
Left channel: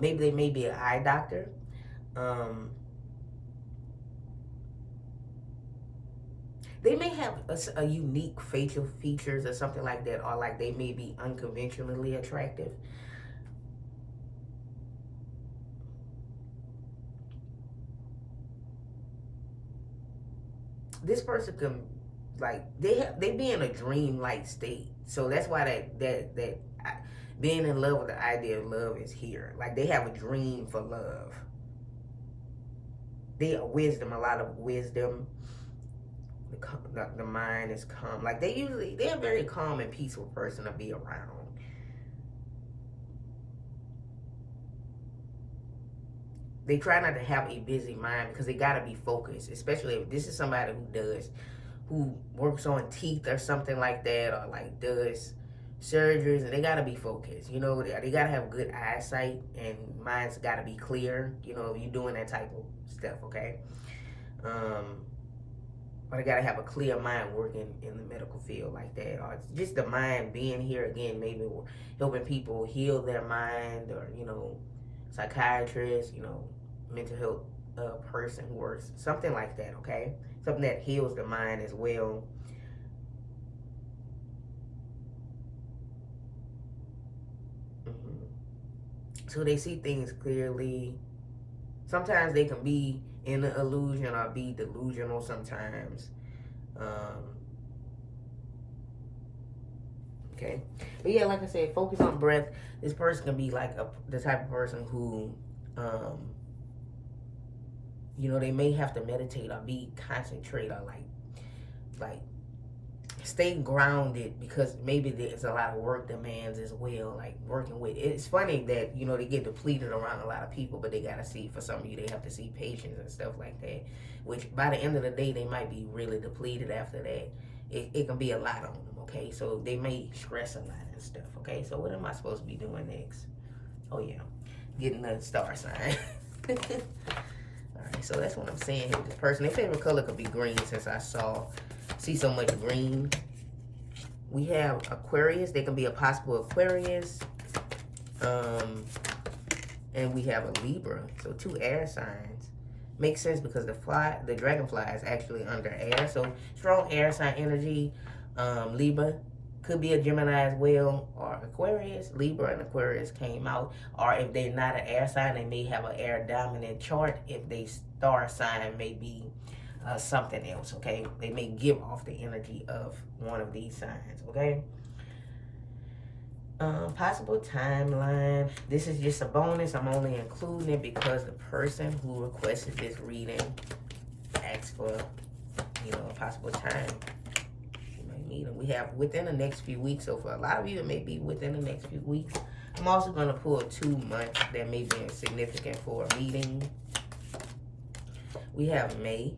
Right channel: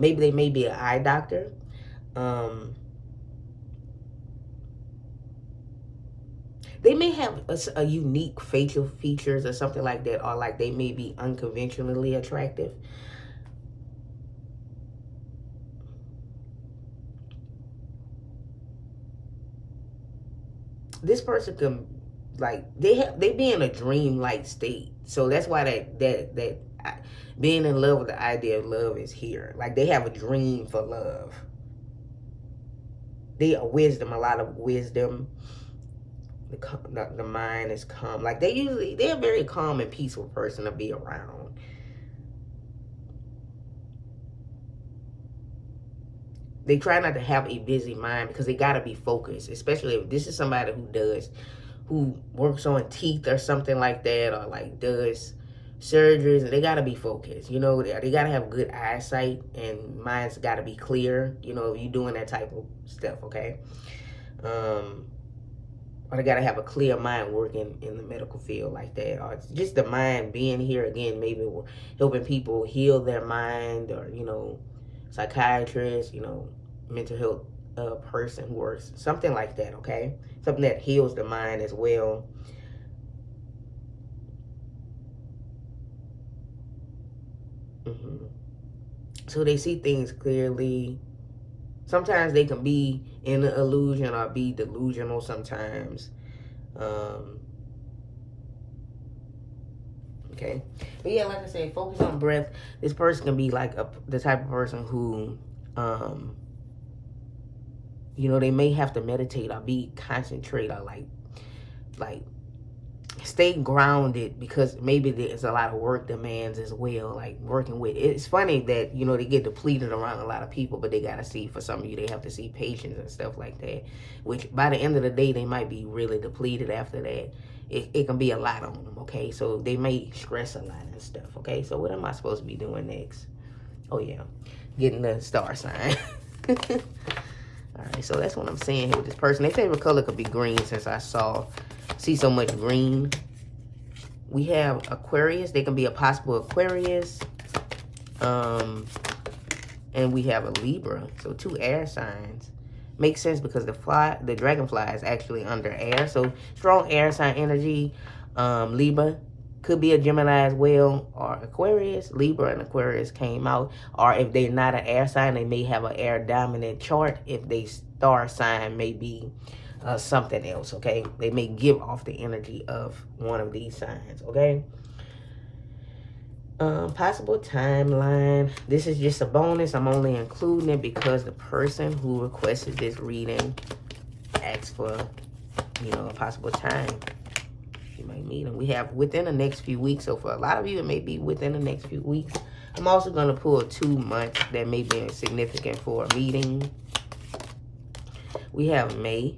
Maybe they may be an eye doctor. They may have a unique facial features or something like that, or like they may be unconventionally attractive. This person can, like, they be in a dream-like state. So that's why that being in love with the idea of love is here. Like, they have a dream for love. They are wisdom, a lot of wisdom. The mind is calm. Like, they're a very calm and peaceful person to be around. They try not to have a busy mind because they got to be focused, especially if this is somebody who works on teeth or something like that, or like does surgeries, and they got to be focused. You know, they got to have good eyesight, and mind's got to be clear, you know, if you're doing that type of stuff, okay? Or they got to have a clear mind working in the medical field like that, or just the mind being here again, maybe helping people heal their mind, or, you know, psychiatrist, you know, mental health person who works, something like that, okay? Something that heals the mind as well. So they see things clearly. Sometimes they can be in an illusion or be delusional sometimes. Okay, but yeah, like I said, focus on breath. This person can be like the type of person who, you know, they may have to meditate or be concentrate or like stay grounded, because maybe there's a lot of work demands as well, like working with, it's funny that, you know, they get depleted around a lot of people, but they gotta see, for some of you, they have to see patience and stuff like that, which by the end of the day, they might be really depleted after that. It can be a lot on them, okay? So they may stress a lot and stuff, okay? So what am I supposed to be doing next? Oh yeah, getting the star sign. All right, so that's what I'm saying here with this person. Their favorite color could be green, since I see so much green. We have Aquarius. They can be a possible Aquarius. And we have a Libra. So 2 air signs. Makes sense because the dragonfly is actually under air. So strong air sign energy. Libra could be a Gemini as well, or Aquarius. Libra and Aquarius came out. Or if they're not an air sign, they may have an air dominant chart. If they star sign may be something else, okay? They may give off the energy of one of these signs, okay? Possible timeline. This is just a bonus. I'm only including it because the person who requested this reading asked for, you know, a possible time. You might meet them. We have within the next few weeks. So for a lot of you, it may be within the next few weeks. I'm also going to pull 2 months that may be significant for a meeting. We have May.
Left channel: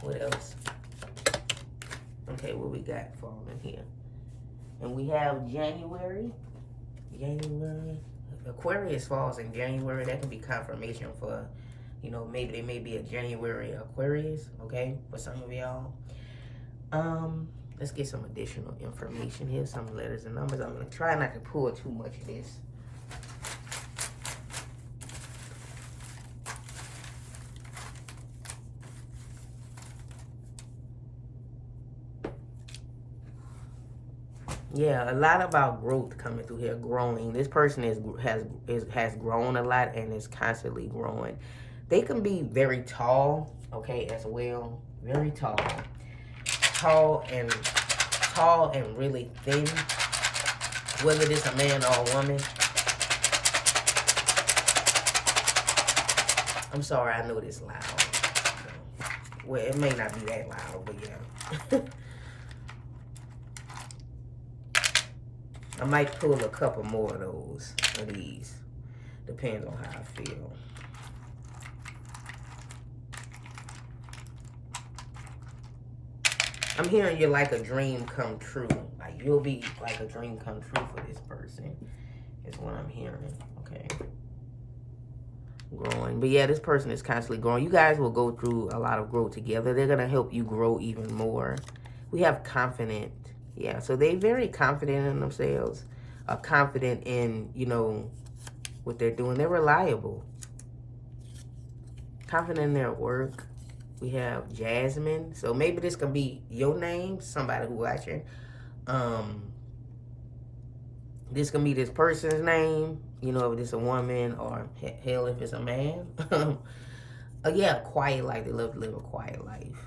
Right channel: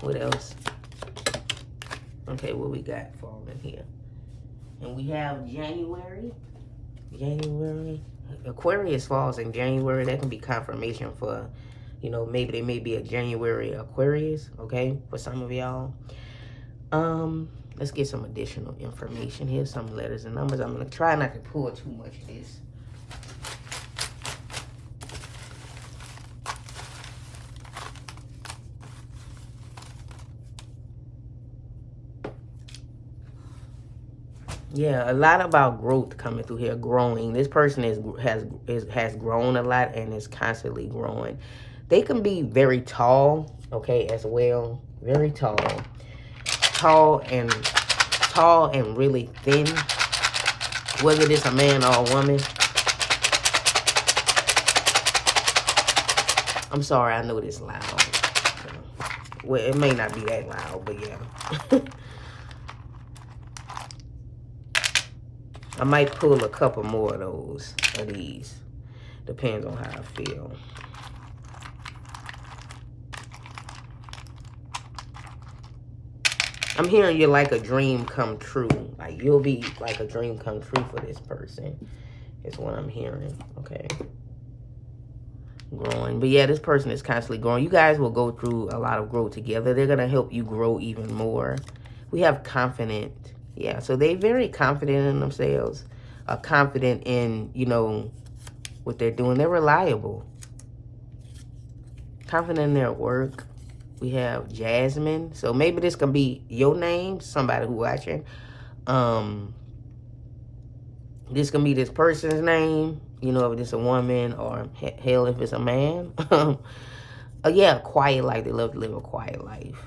What else? Okay, what we got falling here? And we have January. Aquarius falls in January. That can be confirmation for, you know, maybe they may be a January Aquarius, okay, for some of y'all. Let's get some additional information here, some letters and numbers. I'm going to try not to pull too much of this. Yeah, a lot about growth coming through here, growing. This person has grown a lot and is constantly growing. They can be very tall, okay, as well. Very tall. Tall and really thin. Whether it's a man or a woman. I'm sorry, I know this loud. Well, it may not be that loud, but yeah. I might pull a couple more of these. Depends on how I feel. I'm hearing you're like a dream come true. Like you'll be like a dream come true for this person. Is what I'm hearing. Okay. Growing. But yeah, this person is constantly growing. You guys will go through a lot of growth together. They're going to help you grow even more. We have confident. Yeah, so they're very confident in themselves, confident in, you know, what they're doing. They're reliable, confident in their work. We have Jasmine. So maybe this can be your name, somebody who's watching. This can be this person's name, you know, if it's a woman, or hell, if it's a man. Yeah, quiet life. They love to live a quiet life.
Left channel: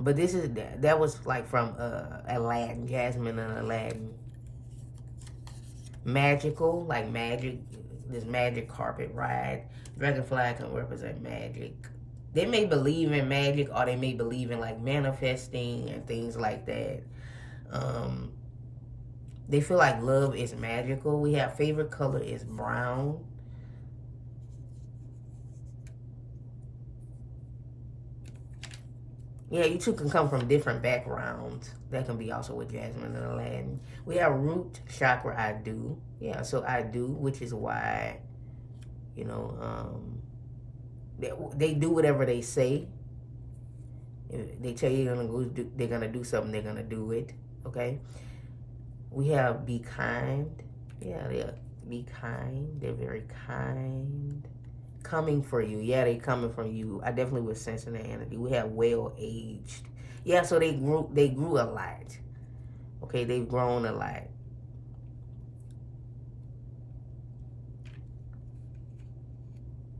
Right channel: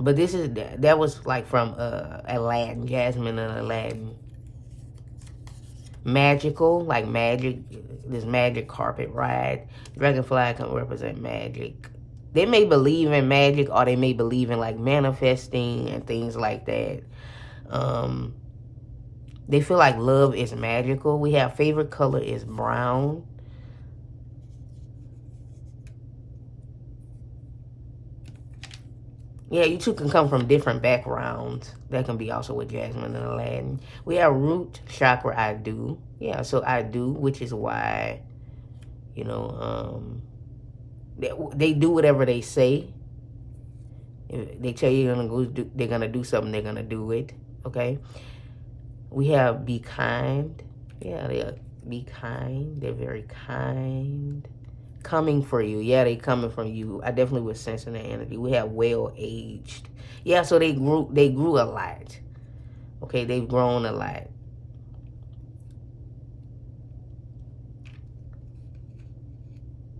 But this is, that was like from Aladdin, Jasmine and Aladdin. Magical, like magic, this magic carpet ride. Dragonfly can represent magic. They may believe in magic, or they may believe in like manifesting and things like that. They feel like love is magical. We have favorite color is brown. Yeah, you two can come from different backgrounds. That can be also with Jasmine and Aladdin. We have root chakra, I do. Yeah, so I do, which is why, you know, they do whatever they say. If they tell you they're gonna do something, they're gonna do it. Okay. We have be kind. Yeah, be kind. They're very kind. Coming for you. Yeah, they coming from you. I definitely was sensing the energy. We have well-aged. Yeah, so they grew a lot. Okay, they've grown a lot.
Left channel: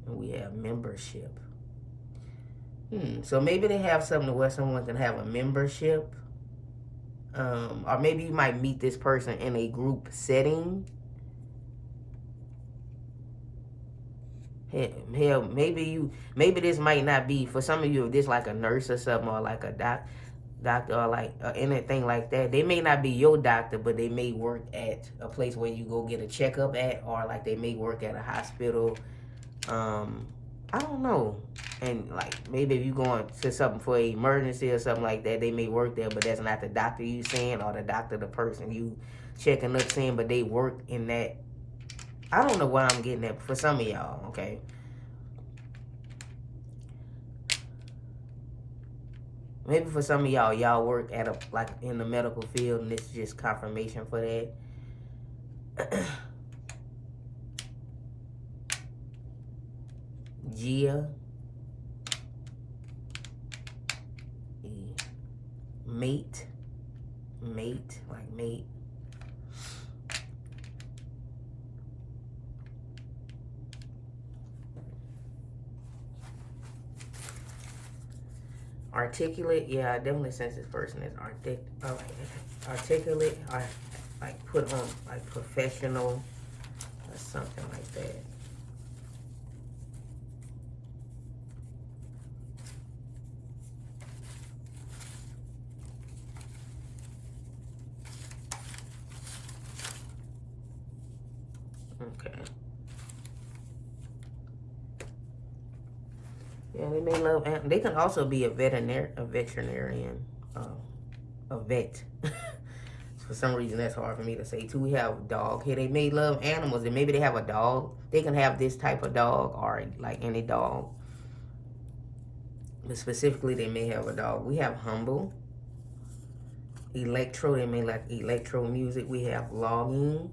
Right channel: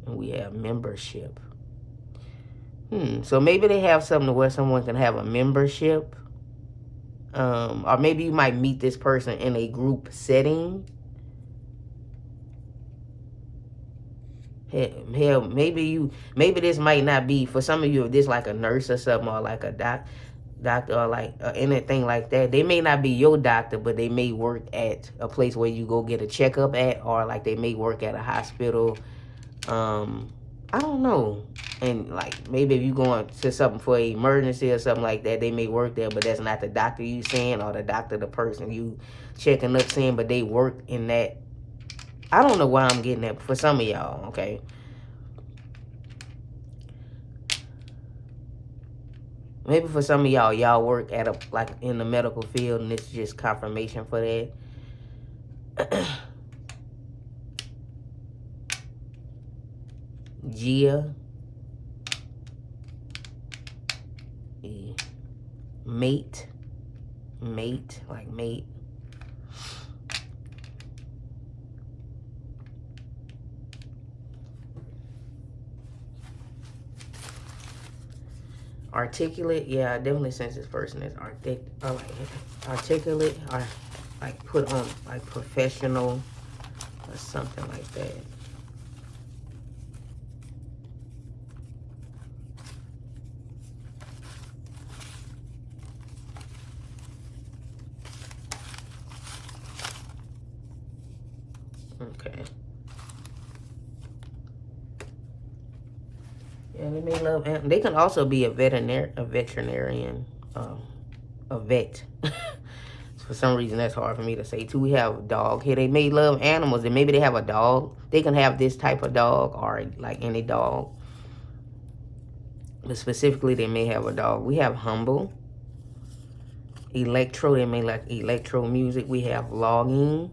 And we have membership. So maybe they have something where someone can have a membership. Or maybe you might meet this person in a group setting. Hell, maybe this might not be for some of you. If this like a nurse or something, or like a doctor, or like anything like that, they may not be your doctor, but they may work at a place where you go get a checkup at, or like they may work at a hospital. I don't know. And like maybe if you going to something for an emergency or something like that, they may work there, but that's not the doctor you seeing, or the doctor the person you checking up seeing, but they work in that. I don't know why I'm getting that for some of y'all, okay? Maybe for some of y'all work at a like in the medical field, and it's just confirmation for that. Gia, mate, like mate. Articulate, yeah, I definitely sense this person is articulate, or like put on like professional or something like that. Okay. Yeah, they may love. They can also be a veterinarian, a vet. For some reason, that's hard for me to say too. We have a dog here. They may love animals, and maybe they have a dog. They can have this type of dog, or like any dog. But specifically, they may have a dog. We have humble, electro. They may like electro music. We have logging.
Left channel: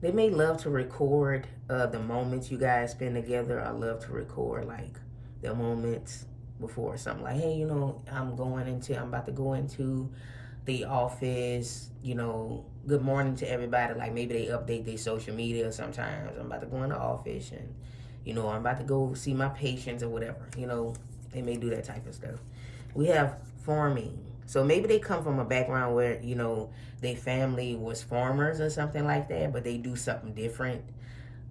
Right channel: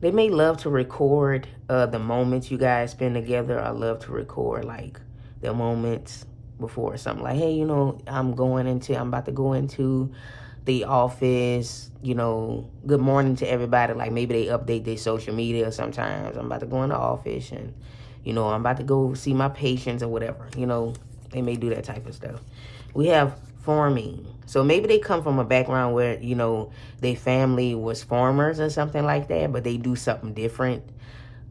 They may love to record the moments you guys spend together. I love to record like the moments before something, like, hey, you know, I'm about to go into the office, you know, good morning to everybody. Like maybe they update their social media sometimes. I'm about to go in the office, and, you know, I'm about to go see my patients or whatever. You know, they may do that type of stuff. We have farming. So maybe they come from a background where, you know, their family was farmers or something like that, but they do something different.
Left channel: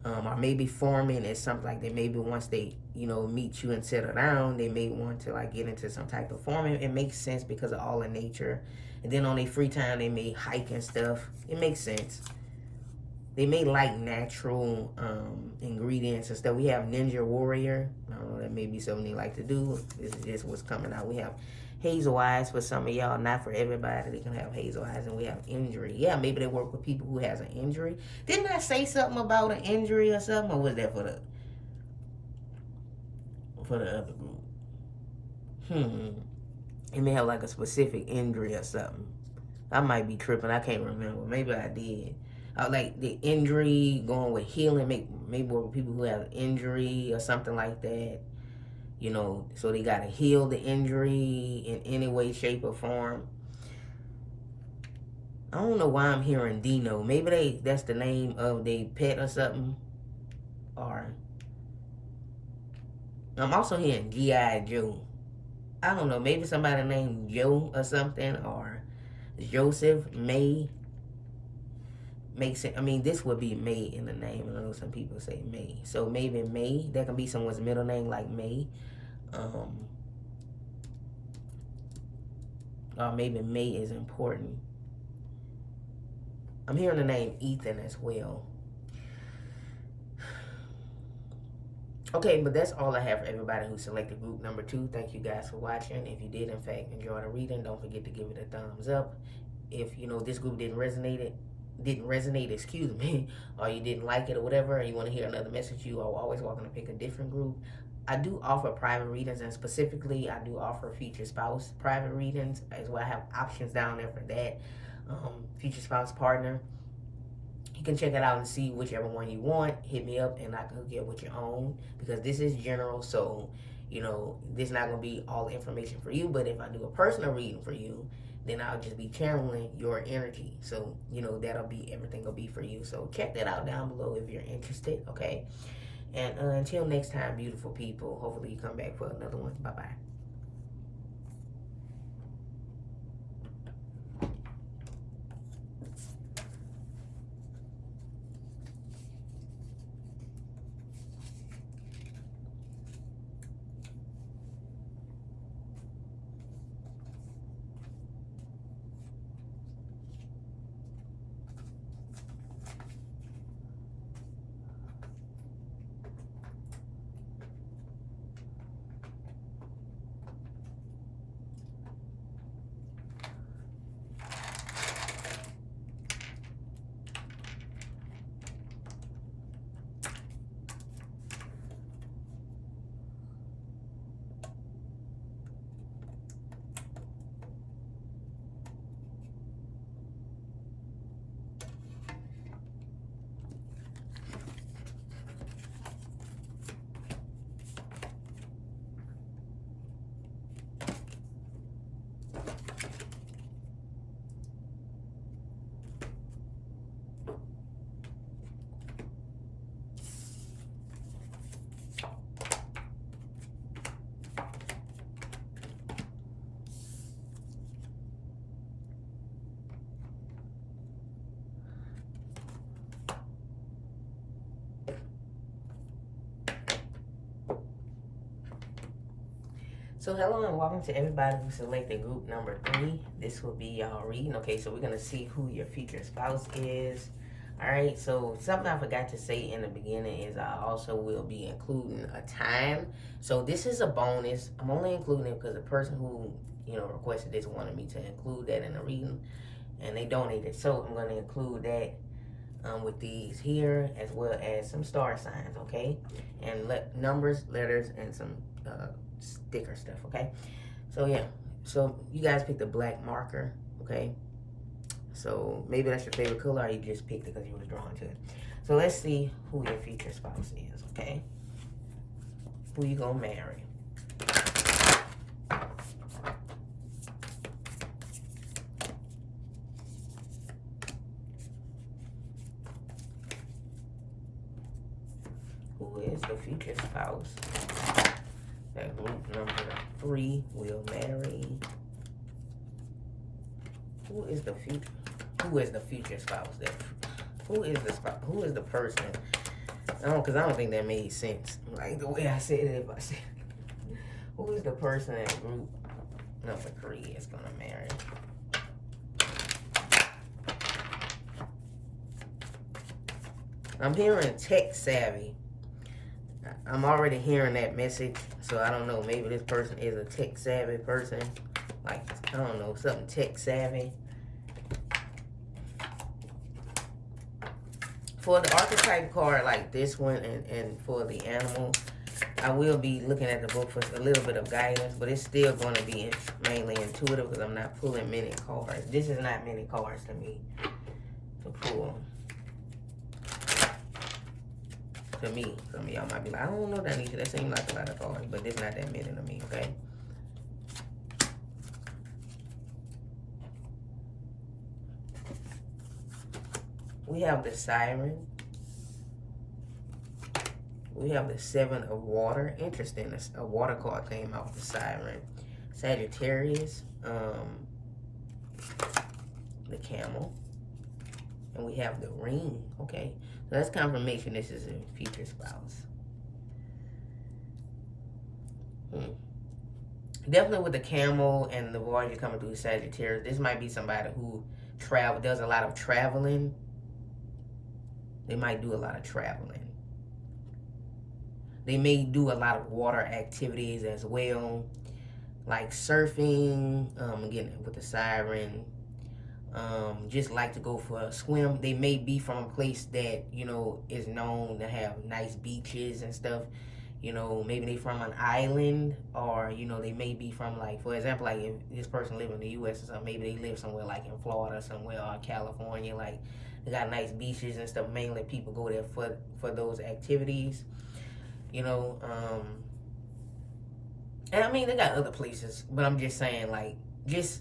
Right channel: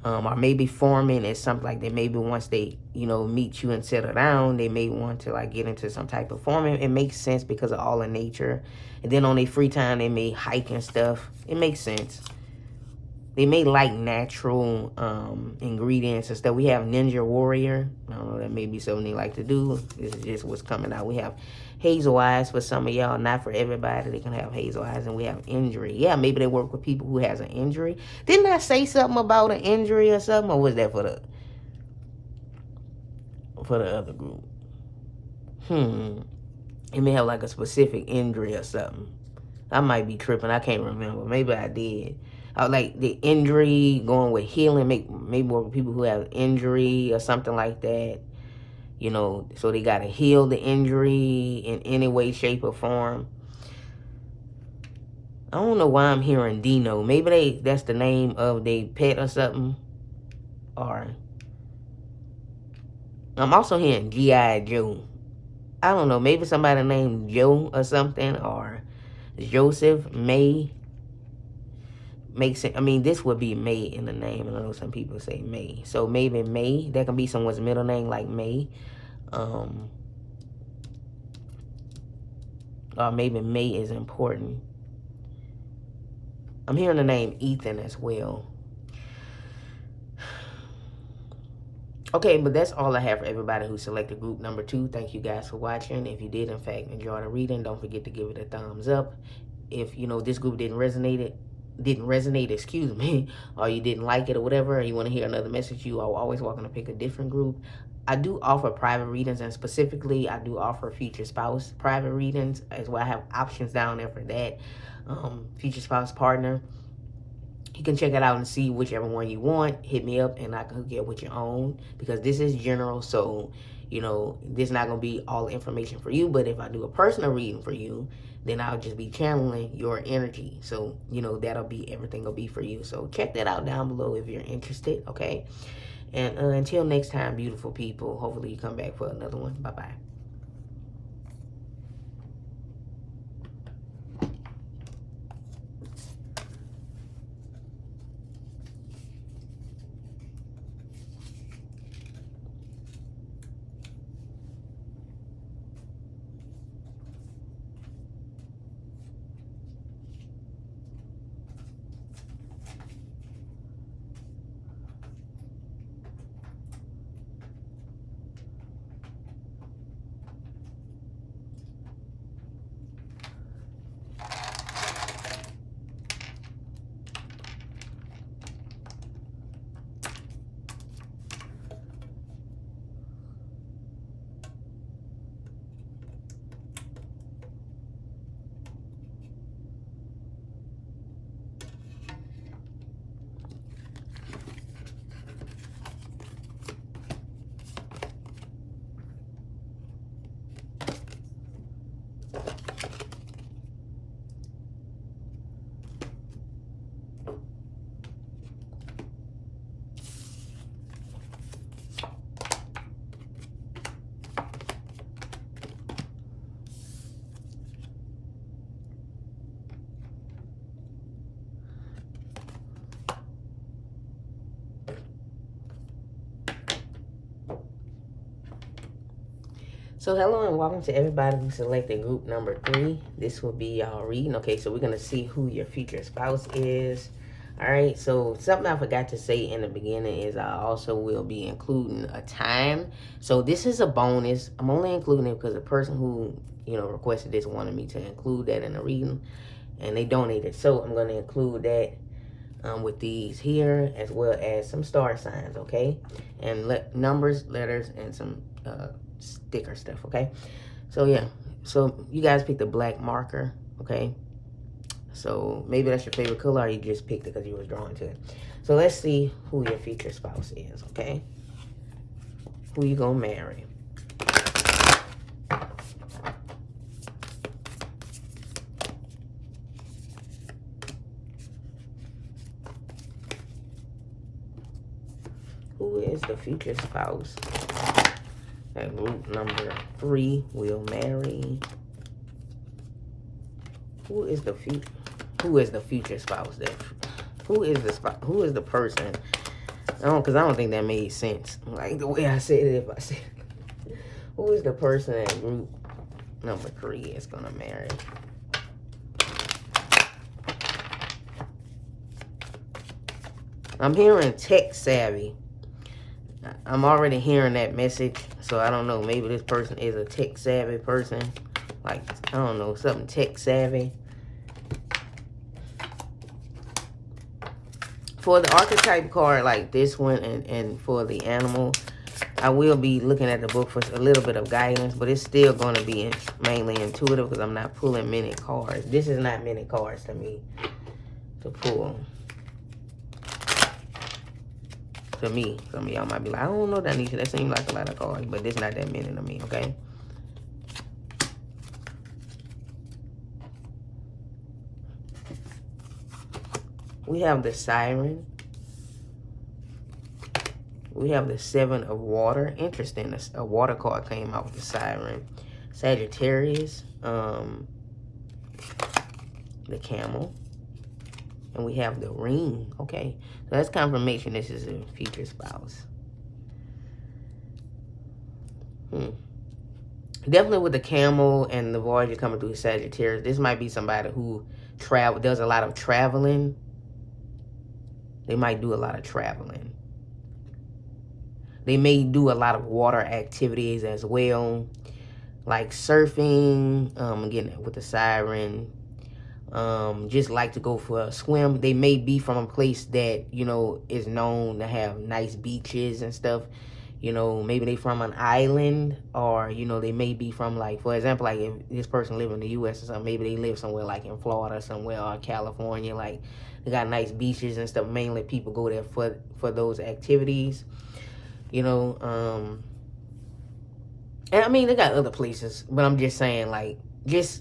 Or maybe farming is something like that. Maybe once they, you know, meet you and settle down, they may want to like get into some type of farming. It makes sense because of all the nature. And then on their free time, they may hike and stuff. It makes sense. They may like natural ingredients and stuff. We have Ninja Warrior. I don't know, that may be something they like to do. This is just what's coming out. We have hazel eyes for some of y'all. Not for everybody. They can have hazel eyes. And we have injury. Yeah, maybe they work with people who has an injury. Didn't I say something about an injury or something? Or was that for the other group? It may have like a specific injury or something. I might be tripping. I can't remember. Maybe I did. Like the injury, going with healing, maybe work with people who have injury or something like that. You know, so they got to heal the injury in any way, shape, or form. I don't know why I'm hearing Dino. Maybe that's the name of their pet or something. Or I'm also hearing G.I. Joe. I don't know. Maybe somebody named Joe or something, or Joseph, May. Makes it. I mean, this would be May in the name. I know some people say May. So maybe May. That can be someone's middle name, like May. Or maybe May is important. I'm hearing the name Ethan as well. Okay, but that's all I have for everybody who selected group number 2. Thank you guys for watching. If you did, in fact, enjoy the reading, don't forget to give it a thumbs up. If, you know, this group didn't resonate, excuse me, or you didn't like it or whatever, or you want to hear another message, you are always welcome to pick a different group. I do offer private readings, and specifically, I do offer future spouse private readings as well. I have options down there for that. Future spouse partner. You can check it out and see whichever one you want. Hit me up and I can hook you up with your own, because this is general. So, you know, this is not going to be all the information for you. But if I do a personal reading for you, then I'll just be channeling your energy. So, you know, that'll be, everything will be for you. So check that out down below if you're interested. Okay. And until next time, beautiful people, hopefully you come back for another one. Bye-bye. So hello and welcome to everybody who selected group number 3. This will be y'all reading. Okay, so we're going to see who your future spouse is. All right, so something I forgot to say in the beginning is I also will be including a time. So this is a bonus. I'm only including it because the person who, requested this wanted me to include that in the reading, and they donated. So I'm going to include that with these here, as well as some star signs, okay? And numbers, letters, and some sticker stuff, okay? So yeah, so you guys picked a black marker, okay? So maybe that's your favorite color, or you just picked it because you was drawn to it. So let's see who your future spouse is, okay? Who you gonna marry? Who is the future spouse that group number 3 will marry? Who is the future spouse that? Who is the person? Because I don't think that made sense. Like the way I said it, if I said it. Who is the person that group number 3 is gonna marry? I'm hearing tech savvy. I'm already hearing that message, so I don't know. Maybe this person is a tech savvy person. Like, I don't know, something tech savvy. For the archetype card like this one and for the animal, I will be looking at the book for a little bit of guidance, but it's still going to be mainly intuitive because I'm not pulling many cards. This is not many cards to me to pull. To me, some of y'all might be like, I don't know, Donnescha, that seems like a lot of cards, but it's not that many to me, okay? We have the Siren. We have the 7 of Water. Interesting, a water card came out with the Siren. Sagittarius, the Camel. And we have the Ring, okay? So that's confirmation this is a future spouse. Definitely with the Camel and the Voyager coming through Sagittarius, this might be somebody who does a lot of traveling. They might do a lot of traveling. They may do a lot of water activities as well, like surfing, again, with the Siren. Just like to go for a swim. They may be from a place that, is known to have nice beaches and stuff. Maybe they from an island, or, they may be from, like, for example, like if this person live in the U.S. or something, maybe they live somewhere like in Florida somewhere, or California, like they got nice beaches and stuff. Mainly people go there for those activities, and I mean, they got other places, but I'm just saying, like,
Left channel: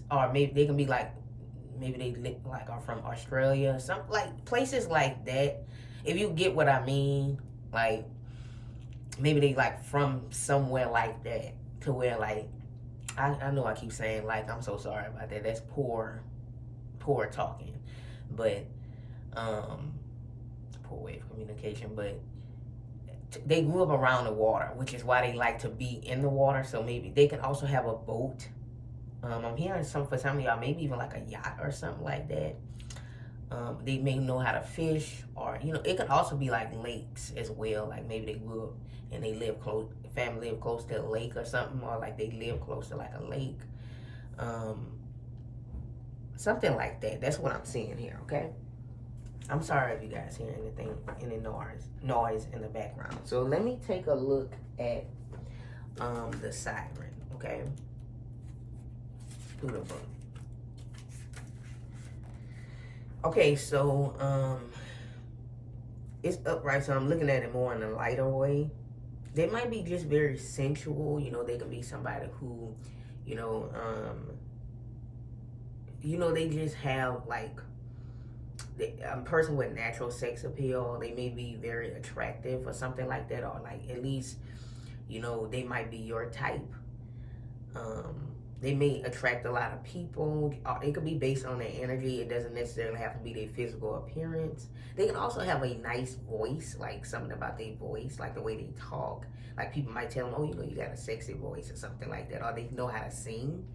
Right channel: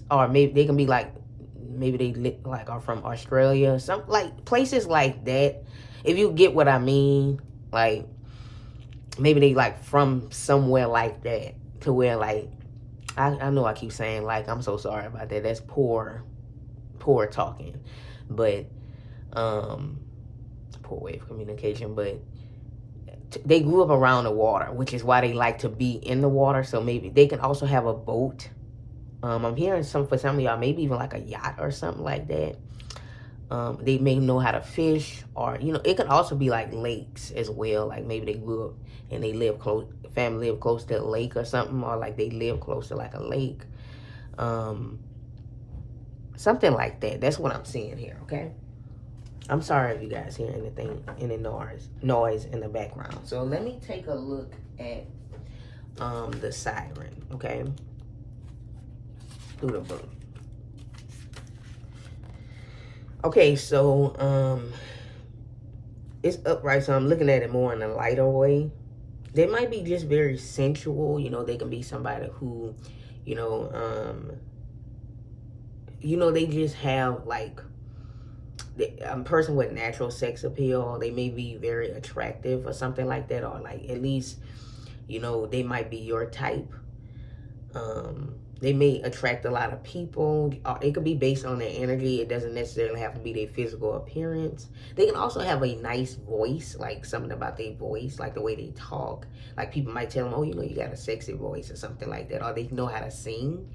or maybe they can be like, maybe they are from Australia, some like places like that. If you get what I mean, like maybe they like from somewhere like that, to where like I know I keep saying like, I'm so sorry about that. That's poor talking, but poor way of communication. But they grew up around the water, which is why they like to be in the water. So maybe they can also have a boat. I'm hearing for some of y'all, maybe even like a yacht or something like that. They may know how to fish, or, it could also be like lakes as well. Like maybe they grew up and they family live close to a lake or something, or like they live close to like a lake. Something like that. That's what I'm seeing here, okay? I'm sorry if you guys hear any noise in the background. So let me take a look at the Siren, okay? Through the book. Okay, so it's upright, so I'm looking at it more in a lighter way. They might be just very sensual, they can be somebody who, they just have like a person with natural sex appeal. They may be very attractive or something like that, or like at least, they might be your type. They may attract a lot of people. It could be based on their energy. It doesn't necessarily have to be their physical appearance. They can also have a nice voice, like something about their voice, like the way they talk. Like people might tell them, oh, you know, you got a sexy voice or something like that. Or they know how to sing.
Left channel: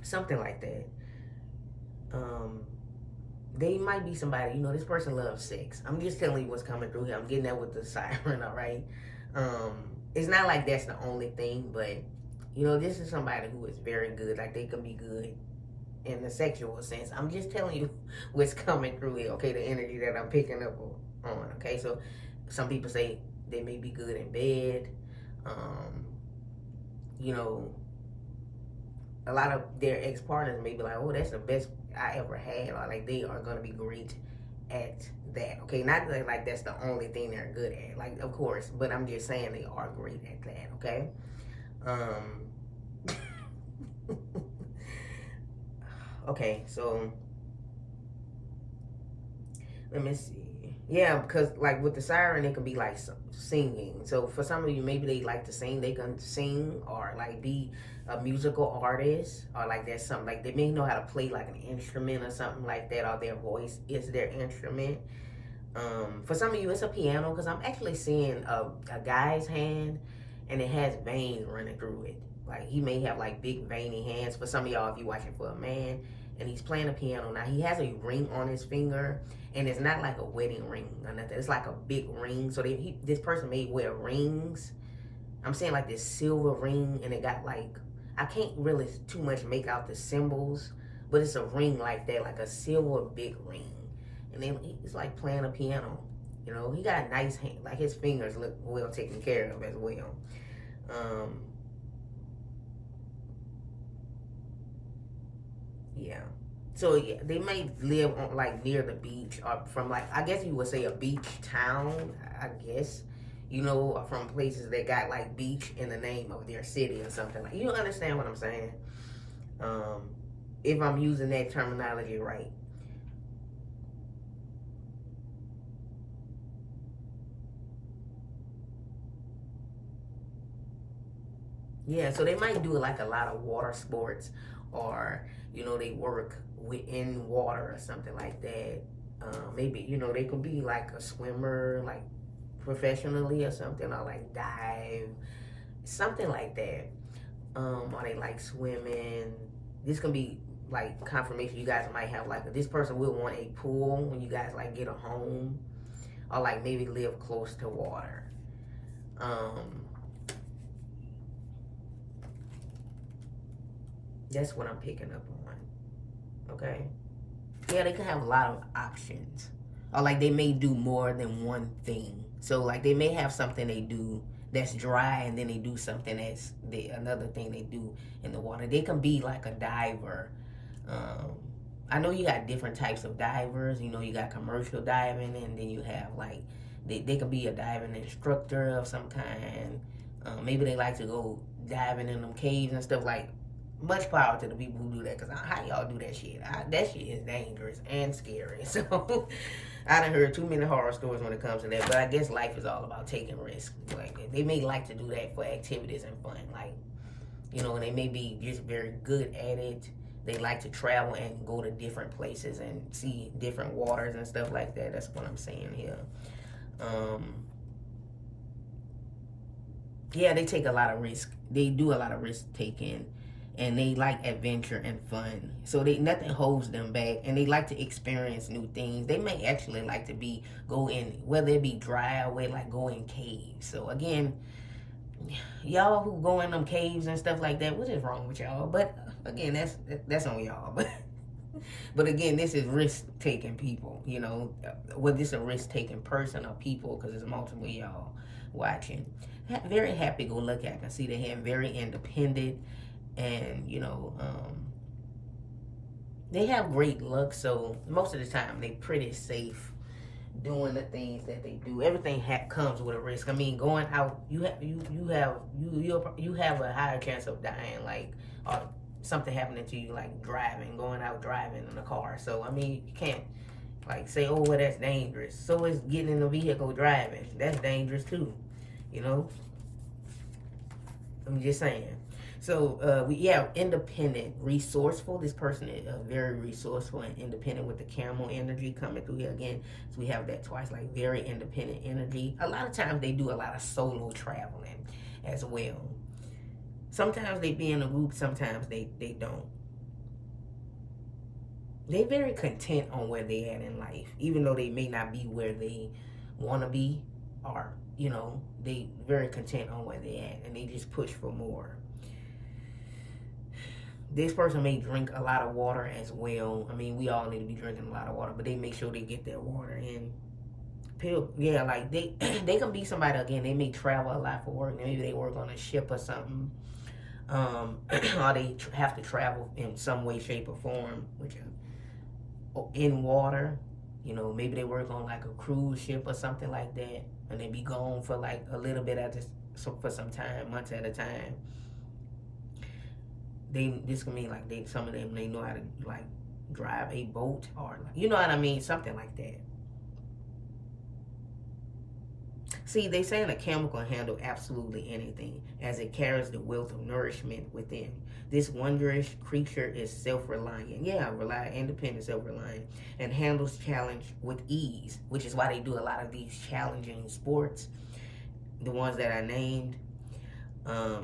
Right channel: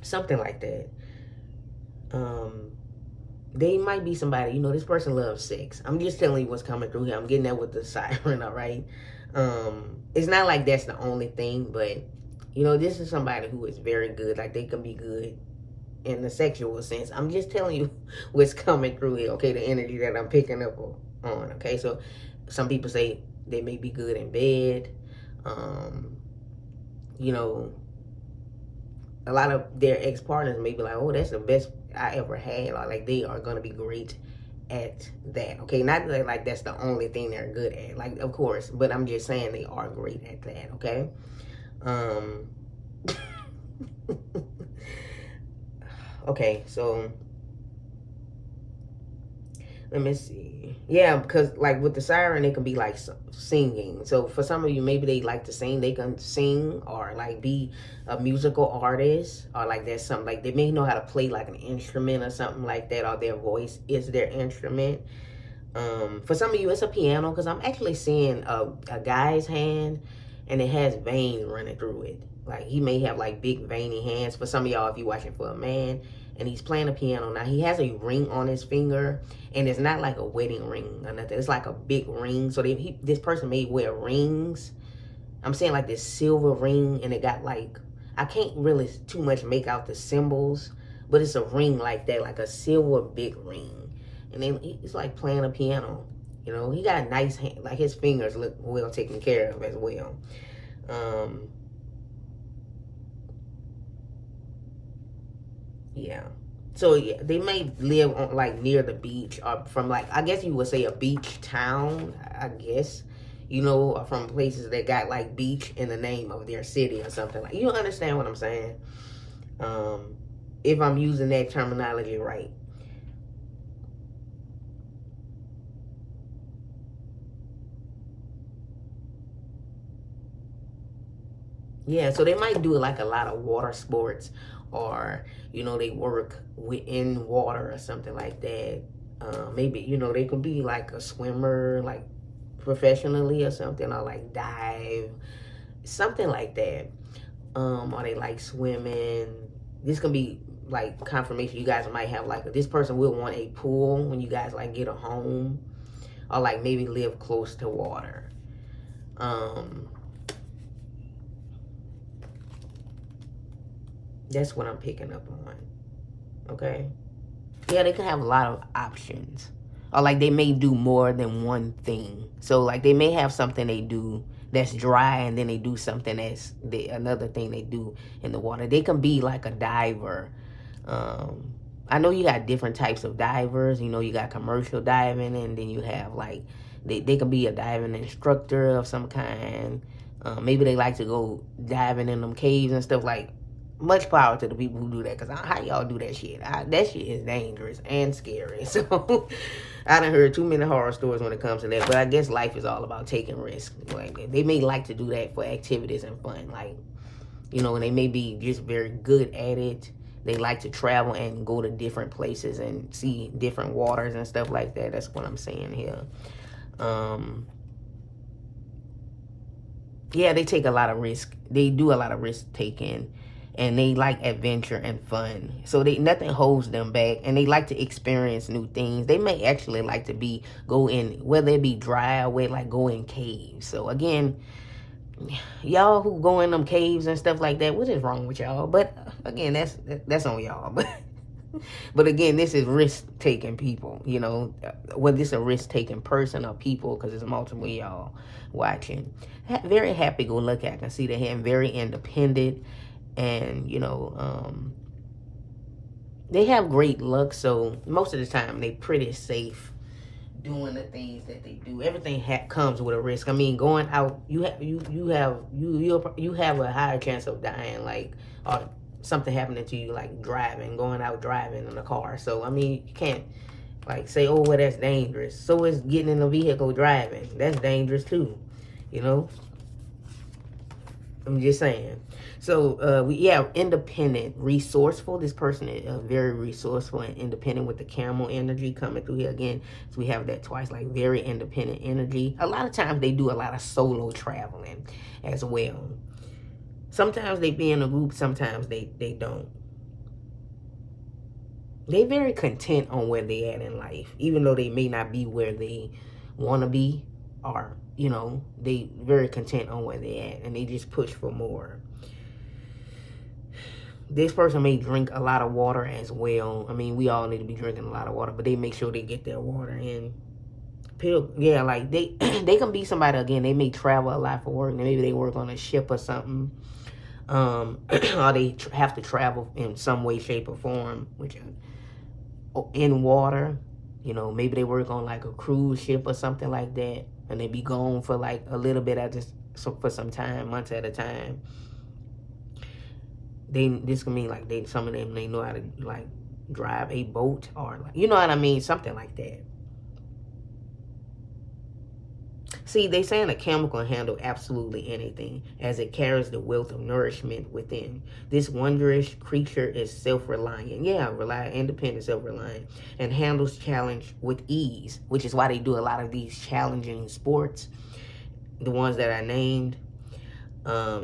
Something like that. They might be somebody, you know, this person loves sex. I'm just telling you what's coming through here. I'm getting that with the siren, all right? It's not like that's the only thing, but, you know, this is somebody who is very good. Like, they can be good in the sexual sense. I'm just telling you what's coming through here, okay? The energy that I'm picking up on, okay? So, some people say they may be good in bed. You know, a lot of their ex-partners may be like, oh, that's the best I ever had. Or like, they are going to be great at that, okay? Not like that's the only thing they're good at, like, of course, but I'm just saying they are great at that, okay? Okay, so let me see. Yeah, because like with the siren, it can be like singing. So for some of you, maybe they like to sing. They can sing or like be a musical artist, or like there's something like they may know how to play like an instrument or something like that, or their voice is their instrument. For some of you, it's a piano, because I'm actually seeing a guy's hand and it has veins running through it. Like, he may have like big veiny hands. For some of y'all, if you're watching for a man, and he's playing a piano. Now, he has a ring on his finger, and it's not like a wedding ring or nothing. It's like a big ring. So this person may wear rings. I'm saying like this silver ring, and it got like, I can't really too much make out the symbols, but it's a ring like that, like a silver big ring. And then he's like playing a piano. You know, he got a nice hand. Like, his fingers look well taken care of as well. Yeah. So yeah, they may live on like near the beach, or from like, I guess you would say a beach town, I guess. You know, or from places that got like beach in the name of their city or something. Like, you understand what I'm saying? If I'm using that terminology right. Yeah, so they might do like a lot of water sports, or, you know, they work within water or something like that. Maybe, you know, they could be like a swimmer, like professionally or something, or like dive, something like that. Or they like swimming. This can be like confirmation. You guys might have like, this person will want a pool when you guys like get a home, or like maybe live close to water. That's what I'm picking up on. Okay. Yeah, they can have a lot of options. Or like they may do more than one thing. So like they may have something they do that's dry, and then they do something that's another thing they do in the water. They can be like a diver. I know you got different types of divers. You know, you got commercial diving, and then you have like, they can be a diving instructor of some kind. Maybe they like to go diving in them caves and stuff. Like, much power to the people who do that, because how y'all do that shit? That shit is dangerous and scary. So I done heard too many horror stories when it comes to that. But I guess life is all about taking risks. Like, they may like to do that for activities and fun. Like, you know, they may be just very good at it. They like to travel and go to different places and see different waters and stuff like that. That's what I'm saying here. Yeah, they take a lot of risk. They do a lot of risk taking. And they like adventure and fun. So nothing holds them back. And they like to experience new things. They may actually like to go in, whether it be dry or wet, like go in caves. So again, y'all who go in them caves and stuff like that, what is wrong with y'all? But again, that's on y'all. But again, this is risk-taking people, you know. Whether it's a risk-taking person or people, because there's multiple y'all watching. Very happy-go-lucky. I can see that him very independent. And, you know, they have great luck, so most of the time they pretty safe doing the things that they do. Everything comes with a risk. I mean, going out, you have a higher chance of dying, like, or something happening to you, like going out driving in a car. So I mean, you can't like say, oh, well, that's dangerous. So is getting in a vehicle driving. That's dangerous too, you know. I'm just saying. So, independent, resourceful. This person is very resourceful and independent with the camel energy coming through here again. So we have that twice, like very independent energy. A lot of times they do a lot of solo traveling as well. Sometimes they be in a group, sometimes they don't. They very content on where they at in life, even though they may not be where they want to be, or they very content on where they at, and they just push for more. This person may drink a lot of water as well. I mean, we all need to be drinking a lot of water, but they make sure they get their water in. Yeah, like they they can be somebody again. They may travel a lot for work. Maybe they work on a ship or something, or they have to travel in some way, shape, or form, which in water. Maybe they work on like a cruise ship or something like that, and they be gone for like a little bit for some time, months at a time. This can mean like some of them, they know how to like drive a boat, or like, you know what I mean, something like that. See, they saying a camel can handle absolutely anything, as it carries the wealth of nourishment within. This wondrous creature is self-reliant. Yeah, independent, self-reliant, and handles challenge with ease, which is why they do a lot of these challenging sports, the ones that I named.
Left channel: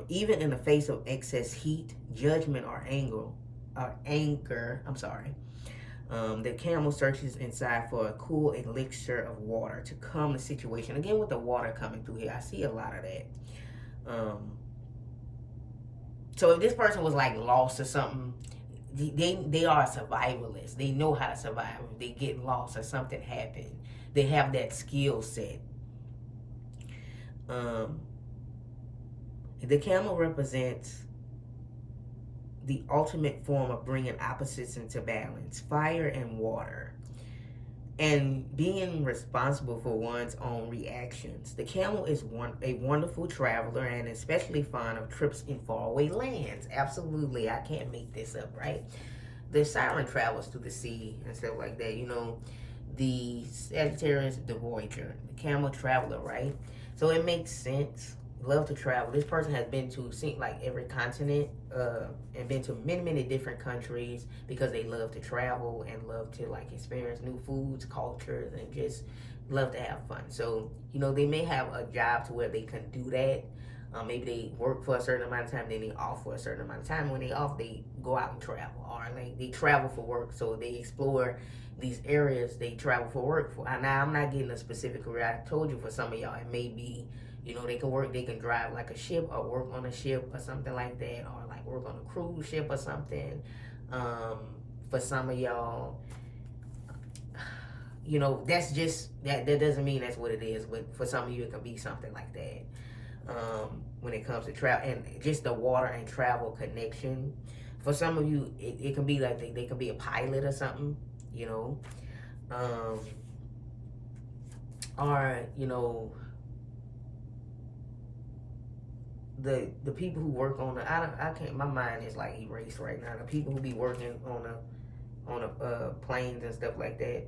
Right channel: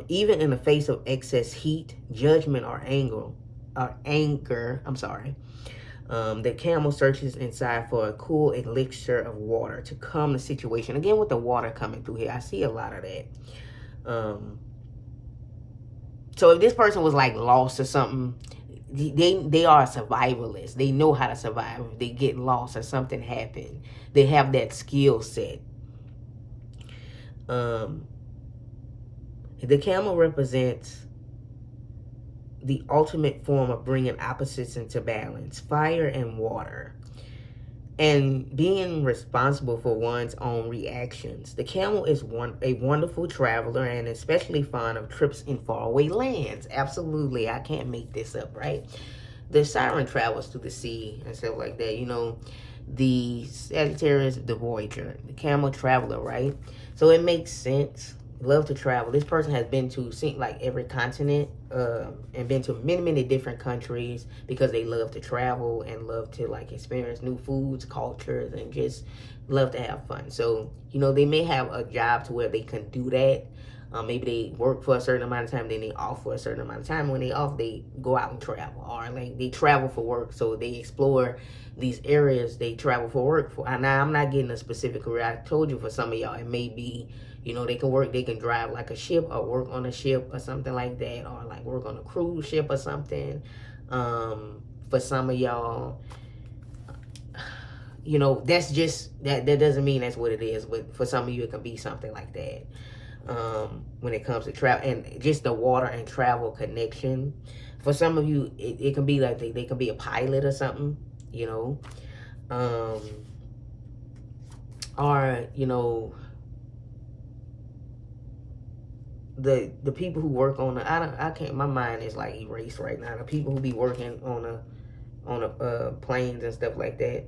Even in the face of excess heat, judgment, or anger, the camel searches inside for a cool elixir of water to calm the situation. Again, with the water coming through here, I see a lot of that. So if this person was like lost or something, they are survivalists. They know how to survive. If they get lost or something happen, they have that skill set. The camel represents the ultimate form of bringing opposites into balance, fire and water, and being responsible for one's own reactions. The camel is a wonderful traveler and especially fond of trips in faraway lands. Absolutely, I can't make this up, right? The siren travels through the sea and stuff like that. The Sagittarius, the voyager, the camel traveler, right? So it makes sense. Love to travel. This person has been to like every continent and been to many different countries because they love to travel and love to like experience new foods, cultures, and just love to have fun. So they may have a job to where they can do that. Maybe they work for a certain amount of time, then they off for a certain amount of time. When they off, they go out and travel, or like they travel for work, so they explore these areas they travel for work for. Now I'm not getting a specific career. I told you for some of y'all it may be they can drive like a ship or work on a ship or something like that, or like work on a cruise ship or something. For some of y'all, that's just that doesn't mean that's what it is, but for some of you it can be something like that. When it comes to travel and just the water and travel connection, for some of you it can be like they can be a pilot or something, or the people who work on I can't, my mind is like erased right now. The people who be working on planes and stuff like that.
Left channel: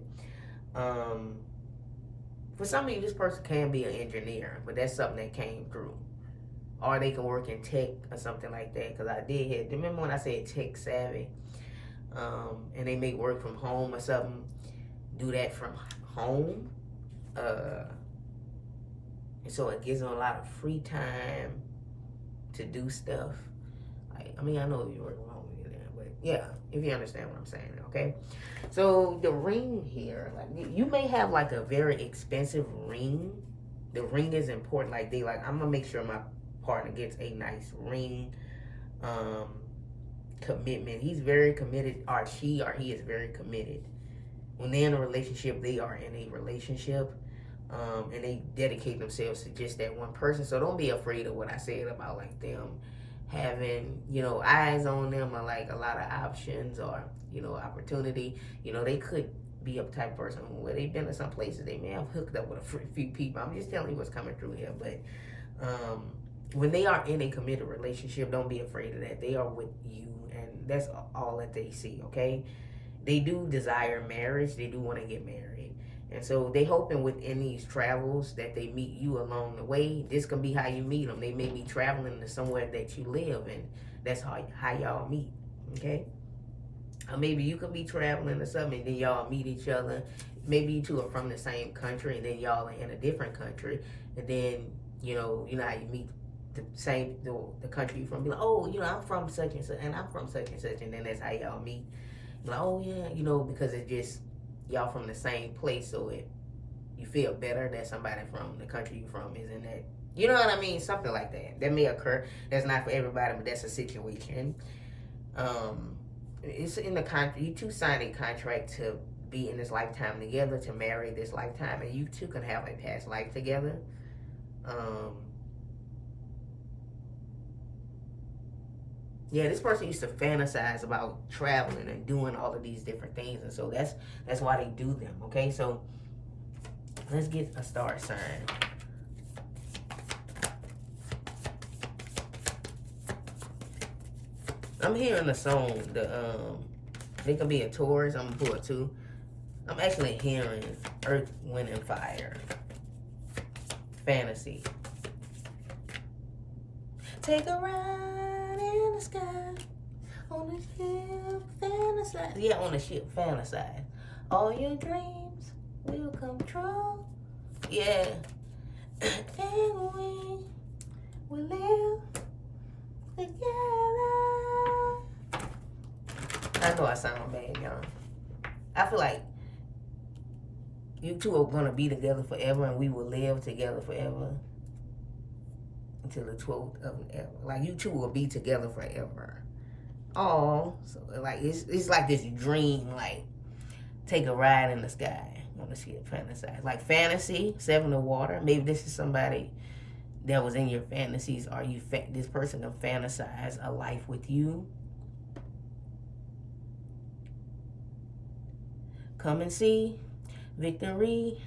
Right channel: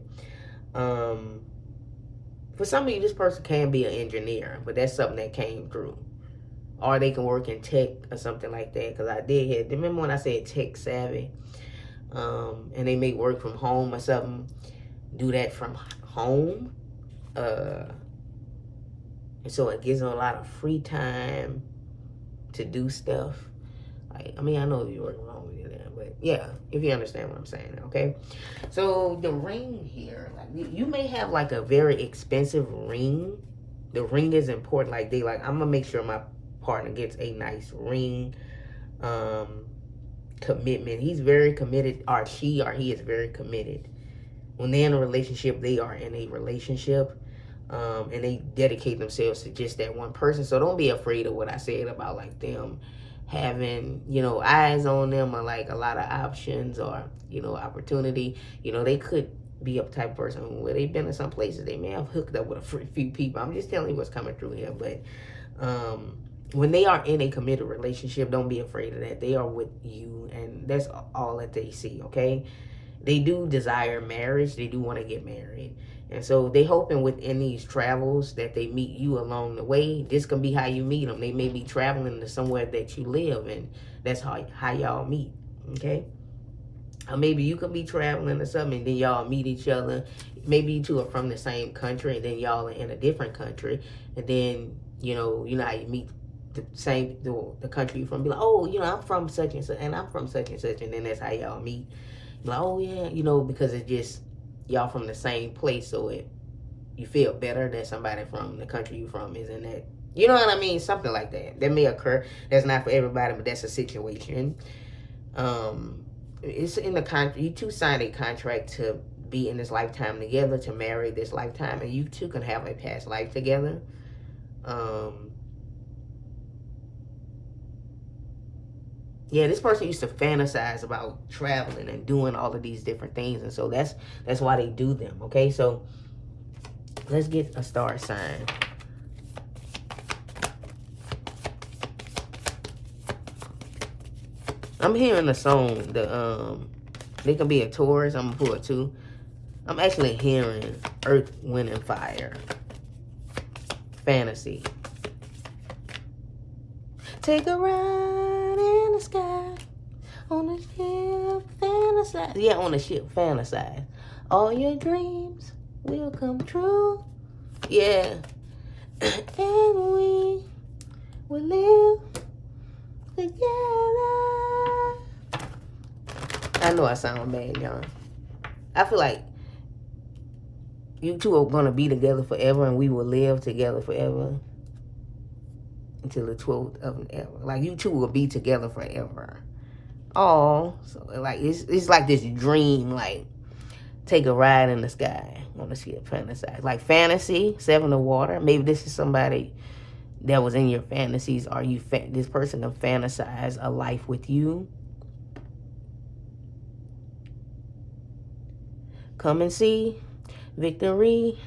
For some of you, this person can be an engineer, but that's something that came through. Or they can work in tech or something like that, because I did hear, remember when I said tech savvy? And they may work from home or something, do that from home. And so it gives them a lot of free time to do stuff. Like, I mean, I know you're working home with that, but yeah, if you understand what I'm saying, okay? So the ring here, like you may have like a very expensive ring. The ring is important. Like I'm gonna make sure my partner gets a nice ring. Commitment. He's very committed, or he is very committed. When they're in a relationship, they are in a relationship. And they dedicate themselves to just that one person. So don't be afraid of what I said about like them having, eyes on them, or like a lot of options, or, opportunity. They could be a type of person where they've been in some places, they may have hooked up with a few people. I'm just telling you what's coming through here. But when they are in a committed relationship, don't be afraid of that. They are with you, and that's all that they see, okay? they do desire marriage. They do want to get married. And so they hoping within these travels that they meet you along the way. This can be how you meet them. They may be traveling to somewhere that you live, and that's how y'all meet, okay? Or maybe you could be traveling or something, and then y'all meet each other. Maybe you two are from the same country, and then y'all are in a different country. And then, you know how you meet the country you're from. Be like, oh, I'm from such and such, and I'm from such and such. And then that's how y'all meet. Be like, oh, yeah, because it's just y'all from the same place, so you feel better that somebody from the country you from is in that. You know what I mean? Something like that. That may occur. That's not for everybody, but that's a situation. It's in the contract. You two signed a contract to be in this lifetime together, to marry this lifetime, and you two can have a past life together. Yeah, this person used to fantasize about traveling and doing all of these different things, and so that's why they do them. Okay, so let's get a star sign. I'm hearing the song. They can be a Taurus. I'm gonna pull it too. I'm actually hearing Earth, Wind, and Fire. Fantasy. Take a ride in the sky on a ship, fantasize. Yeah, on a ship, fantasize. All your dreams will come true. Yeah. And we will live together. I know I sound bad, y'all. I feel like you two are going to be together forever, and we will live together forever until the 12th of an ever. Like, you two will be together forever. Oh, so like it's like this dream, like take a ride in the sky. I want to see it fantasize. Like fantasy, 7 of water. Maybe this is somebody that was in your fantasies, or this person to fantasize a life with you. Come and see victory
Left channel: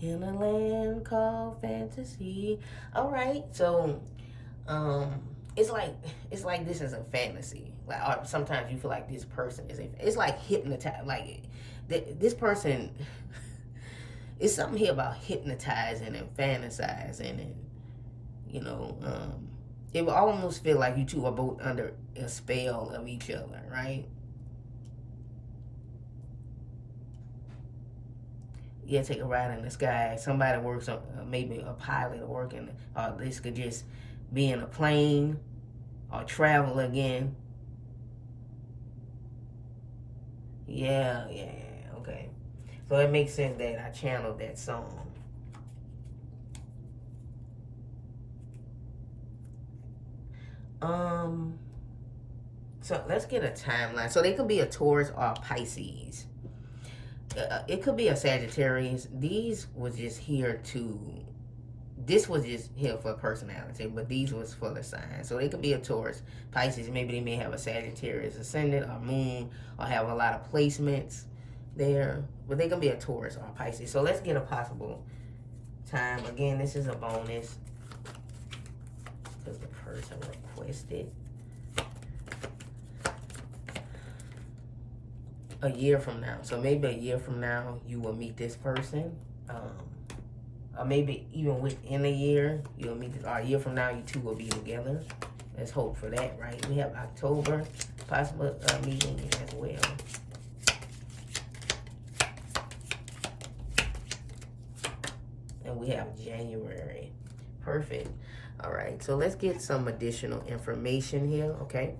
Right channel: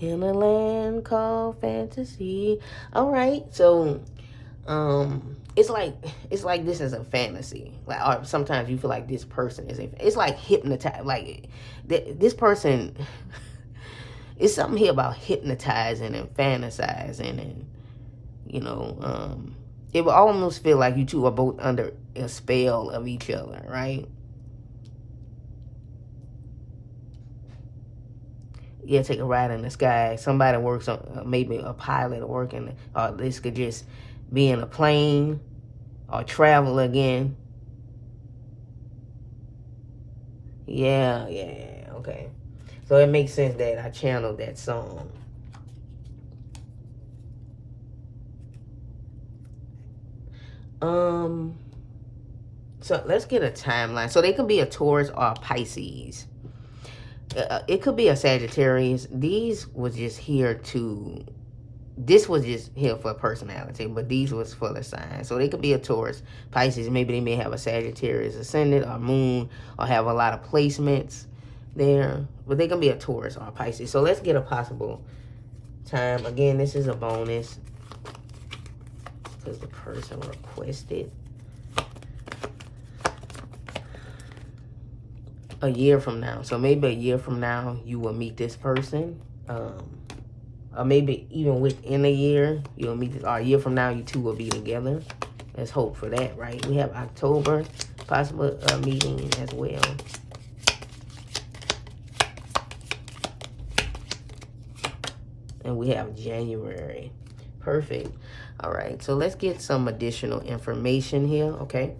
in a land called fantasy. All right, so it's like this is a fantasy. Like, or sometimes you feel like this person is it's like hypnotized. Like this person, it's something here about hypnotizing and fantasizing, and it will almost feel like you two are both under a spell of each other, right? Yeah, take a ride in the sky. Somebody works on, maybe a pilot working, or this could just be in a plane or travel again. Yeah, okay. So it makes sense that I channeled that song. So let's get a timeline. So they could be a Taurus or a Pisces. It could be a Sagittarius. This was just here for personality, but these was for the sign. So they could be a Taurus, Pisces. Maybe they may have a Sagittarius ascendant or moon, or have a lot of placements there. But they can be a Taurus or a Pisces. So let's get a possible time. Again, this is a bonus because the person requested. A year from now. So maybe a year from now you will meet this person, or maybe even within a year you'll meet this, or a year from now you two will be together. Let's hope for that, right? We have October, possible meeting as well. And we have January. Perfect. All right, so let's get some additional information here, okay?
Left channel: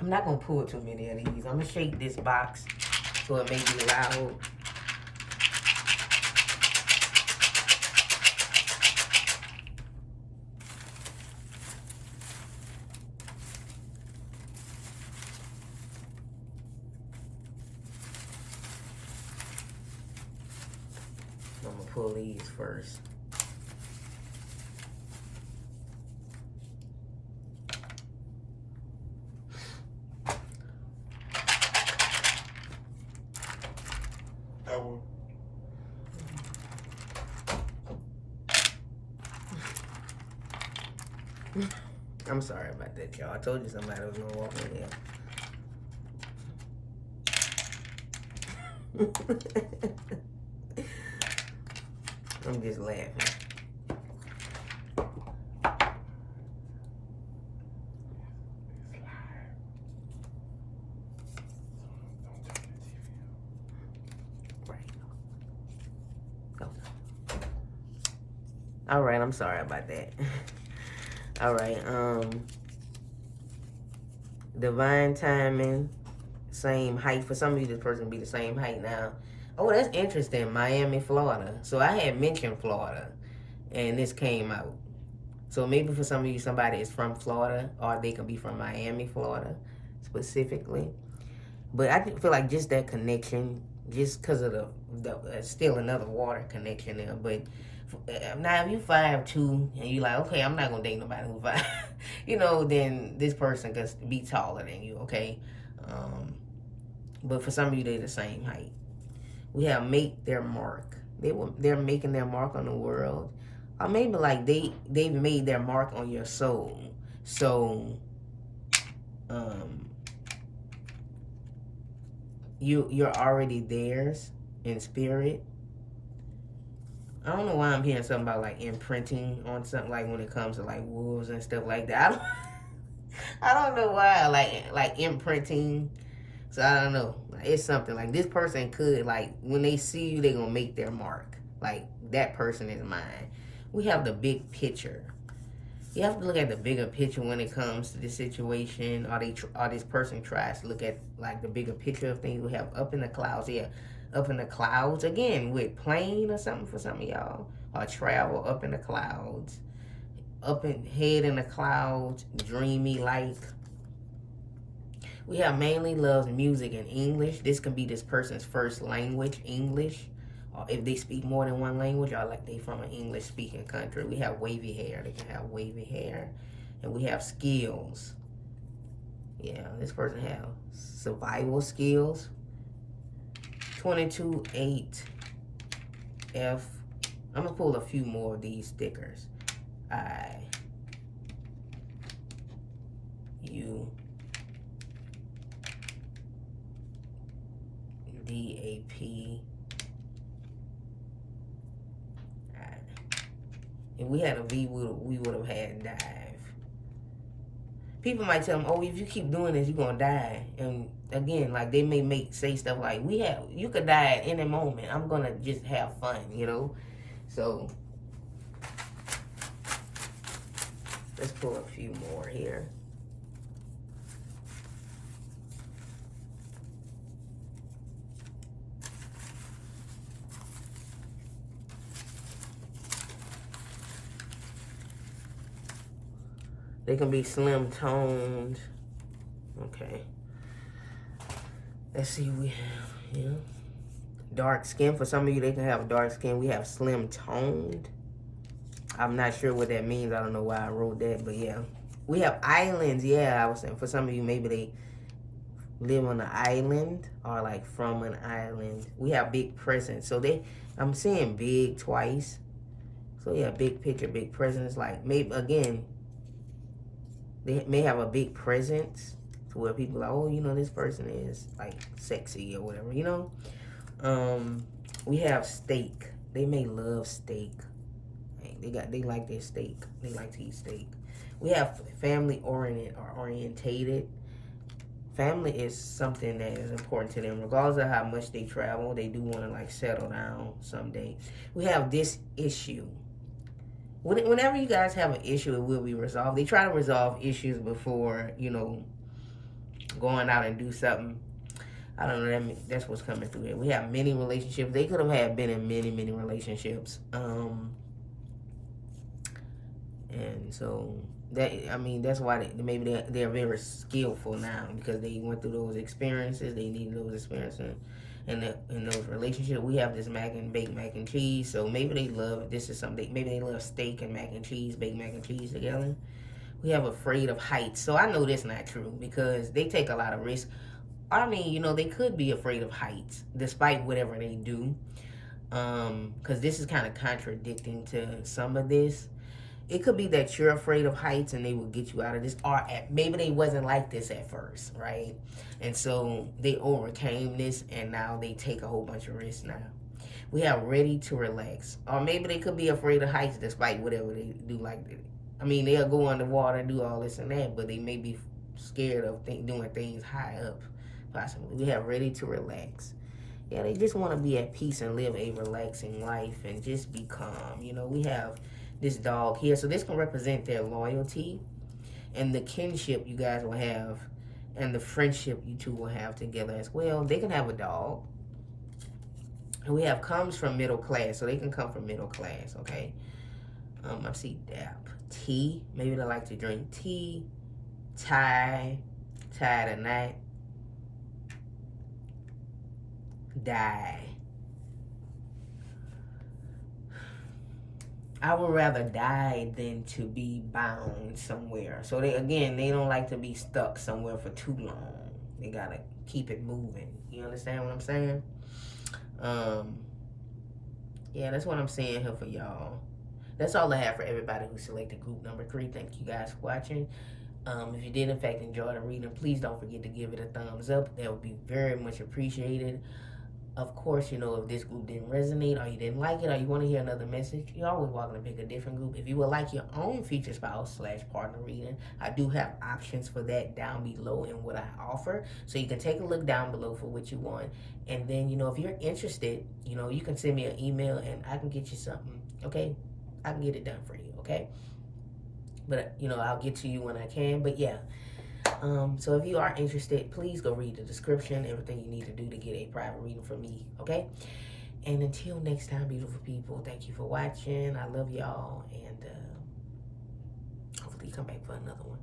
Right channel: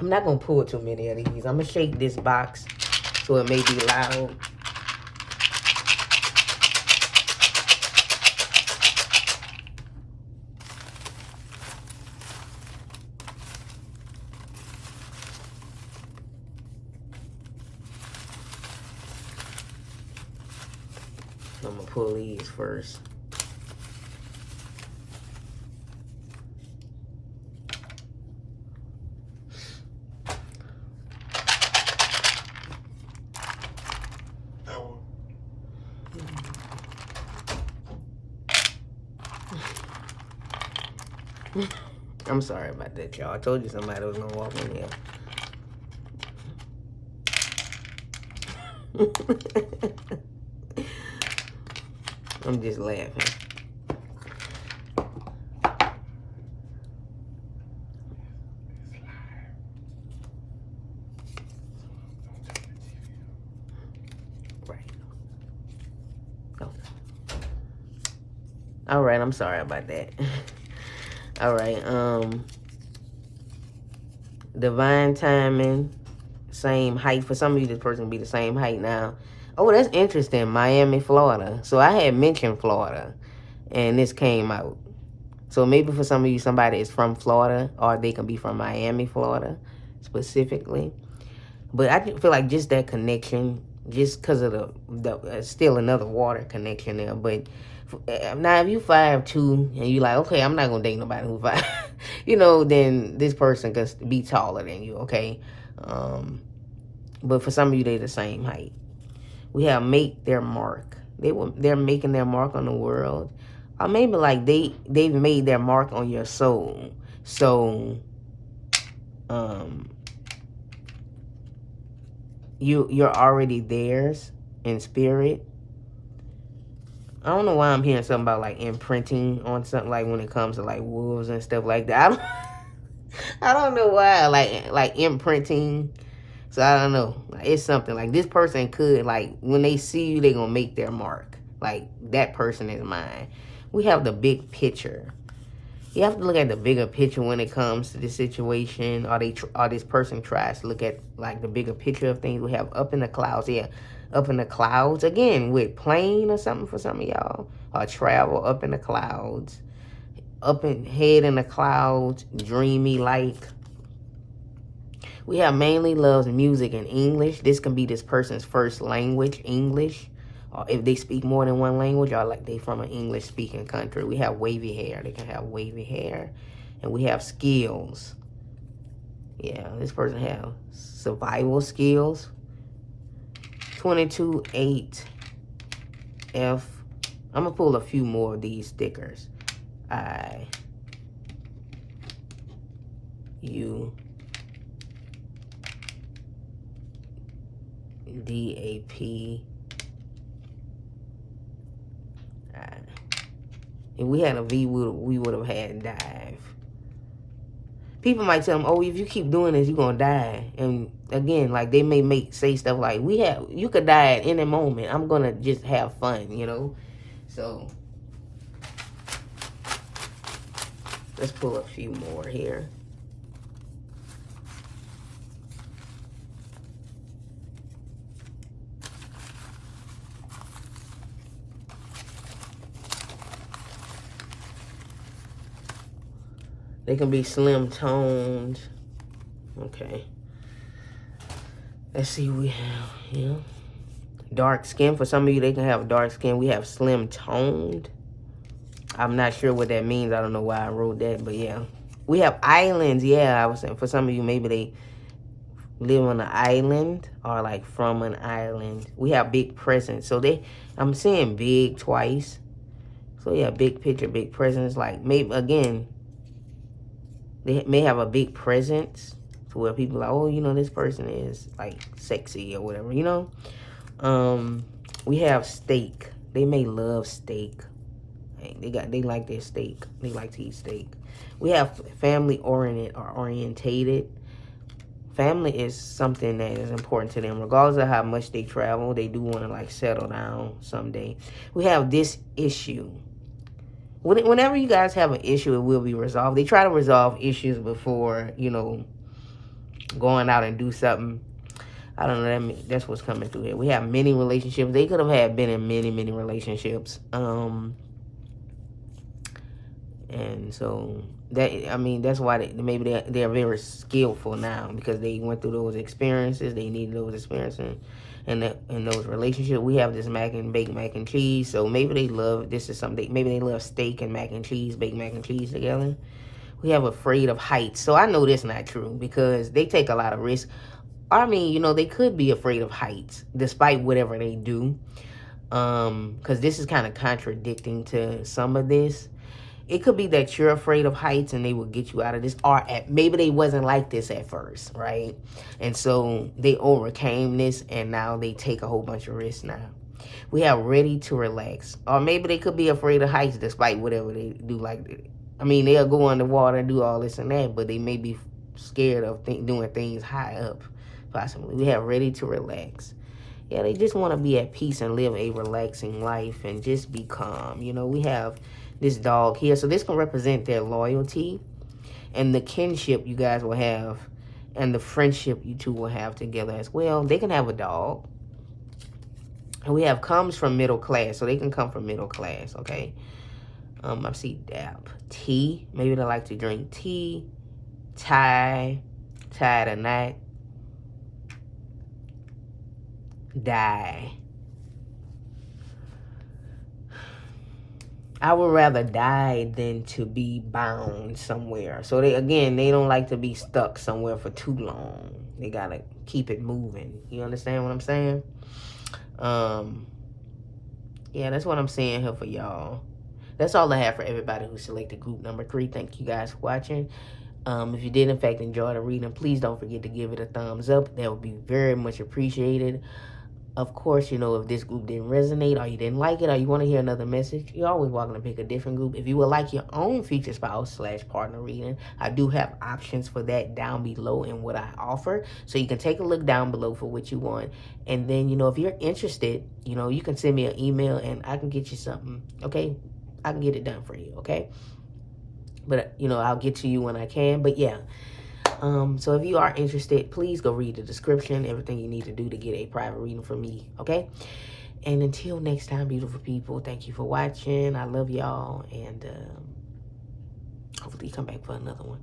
I'm not going to pull too many of these. I'm going to shake this box so it may be loud. I'm going to pull these first. I'm sorry about that, y'all. I told you somebody was gonna walk in here. I'm just laughing. Right. Oh. All right, I'm sorry about that. All right, divine timing, same height. For some of you, this person will be the same height now. Oh, that's interesting. Miami, Florida. So I had mentioned Florida, and this came out. So maybe for some of you, somebody is from Florida, or they can be from Miami, Florida, specifically. But I feel like just that connection, just because of the still another water connection there. But now if you 5'2" and you like, okay, I'm not gonna date nobody who's 5, then this person can be taller than you, okay. But for some of you, they're the same height. We have make their mark. They're making their mark on the world, or maybe like they've made their mark on your soul. So, you're already theirs in spirit. I don't know why I'm hearing something about like imprinting on something, like when it comes to like wolves and stuff like that. I don't know why, like imprinting. So I don't know. It's something like this person could, like, when they see you, they're gonna make their mark. Like, that person is mine. We have the big picture. You have to look at the bigger picture when it comes to this situation, or this person tries to look at like the bigger picture of things. We have up in the clouds, up in the clouds again with plane or something for some of y'all, or travel up in the clouds, head in the clouds, dreamy like. We have mainly loves music and English. This can be this person's first language, English. Or if they speak more than one language, or like they from an English-speaking country. We have wavy hair. They can have wavy hair. And we have skills. Yeah, this person have survival skills. 22-8 F. I'm going to pull a few more of these stickers. I, U, DAP. If we had a V, we would have had dive. People might tell them, oh, if you keep doing this, you're going to die. And again, like they may say stuff like, you could die at any moment. I'm going to just have fun, So, let's pull a few more here. They can be slim toned. Okay. Let's see what we have here. Dark skin. For some of you, they can have dark skin. We have slim toned. I'm not sure what that means. I don't know why I wrote that, but yeah. We have islands. Yeah, I was saying for some of you, maybe they live on an island or like from an island. We have big presence. So I'm seeing big twice. So yeah, big picture, big presence. Like maybe, again, they may have a big presence to where people are like, oh, this person is like sexy or whatever, We have steak. They may love steak. They like their steak. They like to eat steak. We have family oriented or orientated. Family is something that is important to them. Regardless of how much they travel, they do want to like settle down someday. We have this issue. Whenever you guys have an issue, it will be resolved. They try to resolve issues before, going out and do something. I don't know. That's what's coming through here. We have many relationships. They could have been in many, many relationships. And so that's why maybe they're very skillful now, because they went through those experiences. They needed those experiences. In those relationships, we have this baked mac and cheese. So maybe they love, maybe they love steak and mac and cheese, baked mac and cheese together. We have afraid of heights. So I know that's not true, because they take a lot of risks. They could be afraid of heights despite whatever they do. Because this is kind of contradicting to some of this. It could be that you're afraid of heights and they will get you out of this. Or maybe they wasn't like this at first, right? And so they overcame this and now they take a whole bunch of risks now. We have ready to relax. Or maybe they could be afraid of heights despite whatever they do. Like, I mean, they'll go underwater and do all this and that, but they may be scared of doing things high up, possibly. We have ready to relax. Yeah, they just want to be at peace and live a relaxing life and just be calm. You know, we have this dog here. So this can represent their loyalty and the kinship you guys will have and the friendship you two will have together as well. They can have a dog. And we have comes from middle class. So they can come from middle class, okay? I see dap. Tea. Maybe they like to drink tea. Tie the knot. Die. I would rather die than to be bound somewhere. So they don't like to be stuck somewhere for too long. They gotta keep it moving. You understand what I'm saying? Yeah, that's what I'm saying here for y'all. That's all I have for everybody who selected group number 3. Thank you guys for watching. If you did in fact enjoy the reading, please don't forget to give it a thumbs up. That would be very much appreciated. Of course, you know, if this group didn't resonate or you didn't like it or you want to hear another message, you're always welcome to pick a different group. If you would like your own future spouse / partner reading, I do have options for that down below in what I offer. So you can take a look down below for what you want. And then, you know, if you're interested, you know, you can send me an email and I can get you something, okay? I can get it done for you, okay? But, you know, I'll get to you when I can. But, yeah. So if you are interested, please go read the description, everything you need to do to get a private reading from me, okay? And until next time, beautiful people, thank you for watching. I love y'all, and hopefully you come back for another one.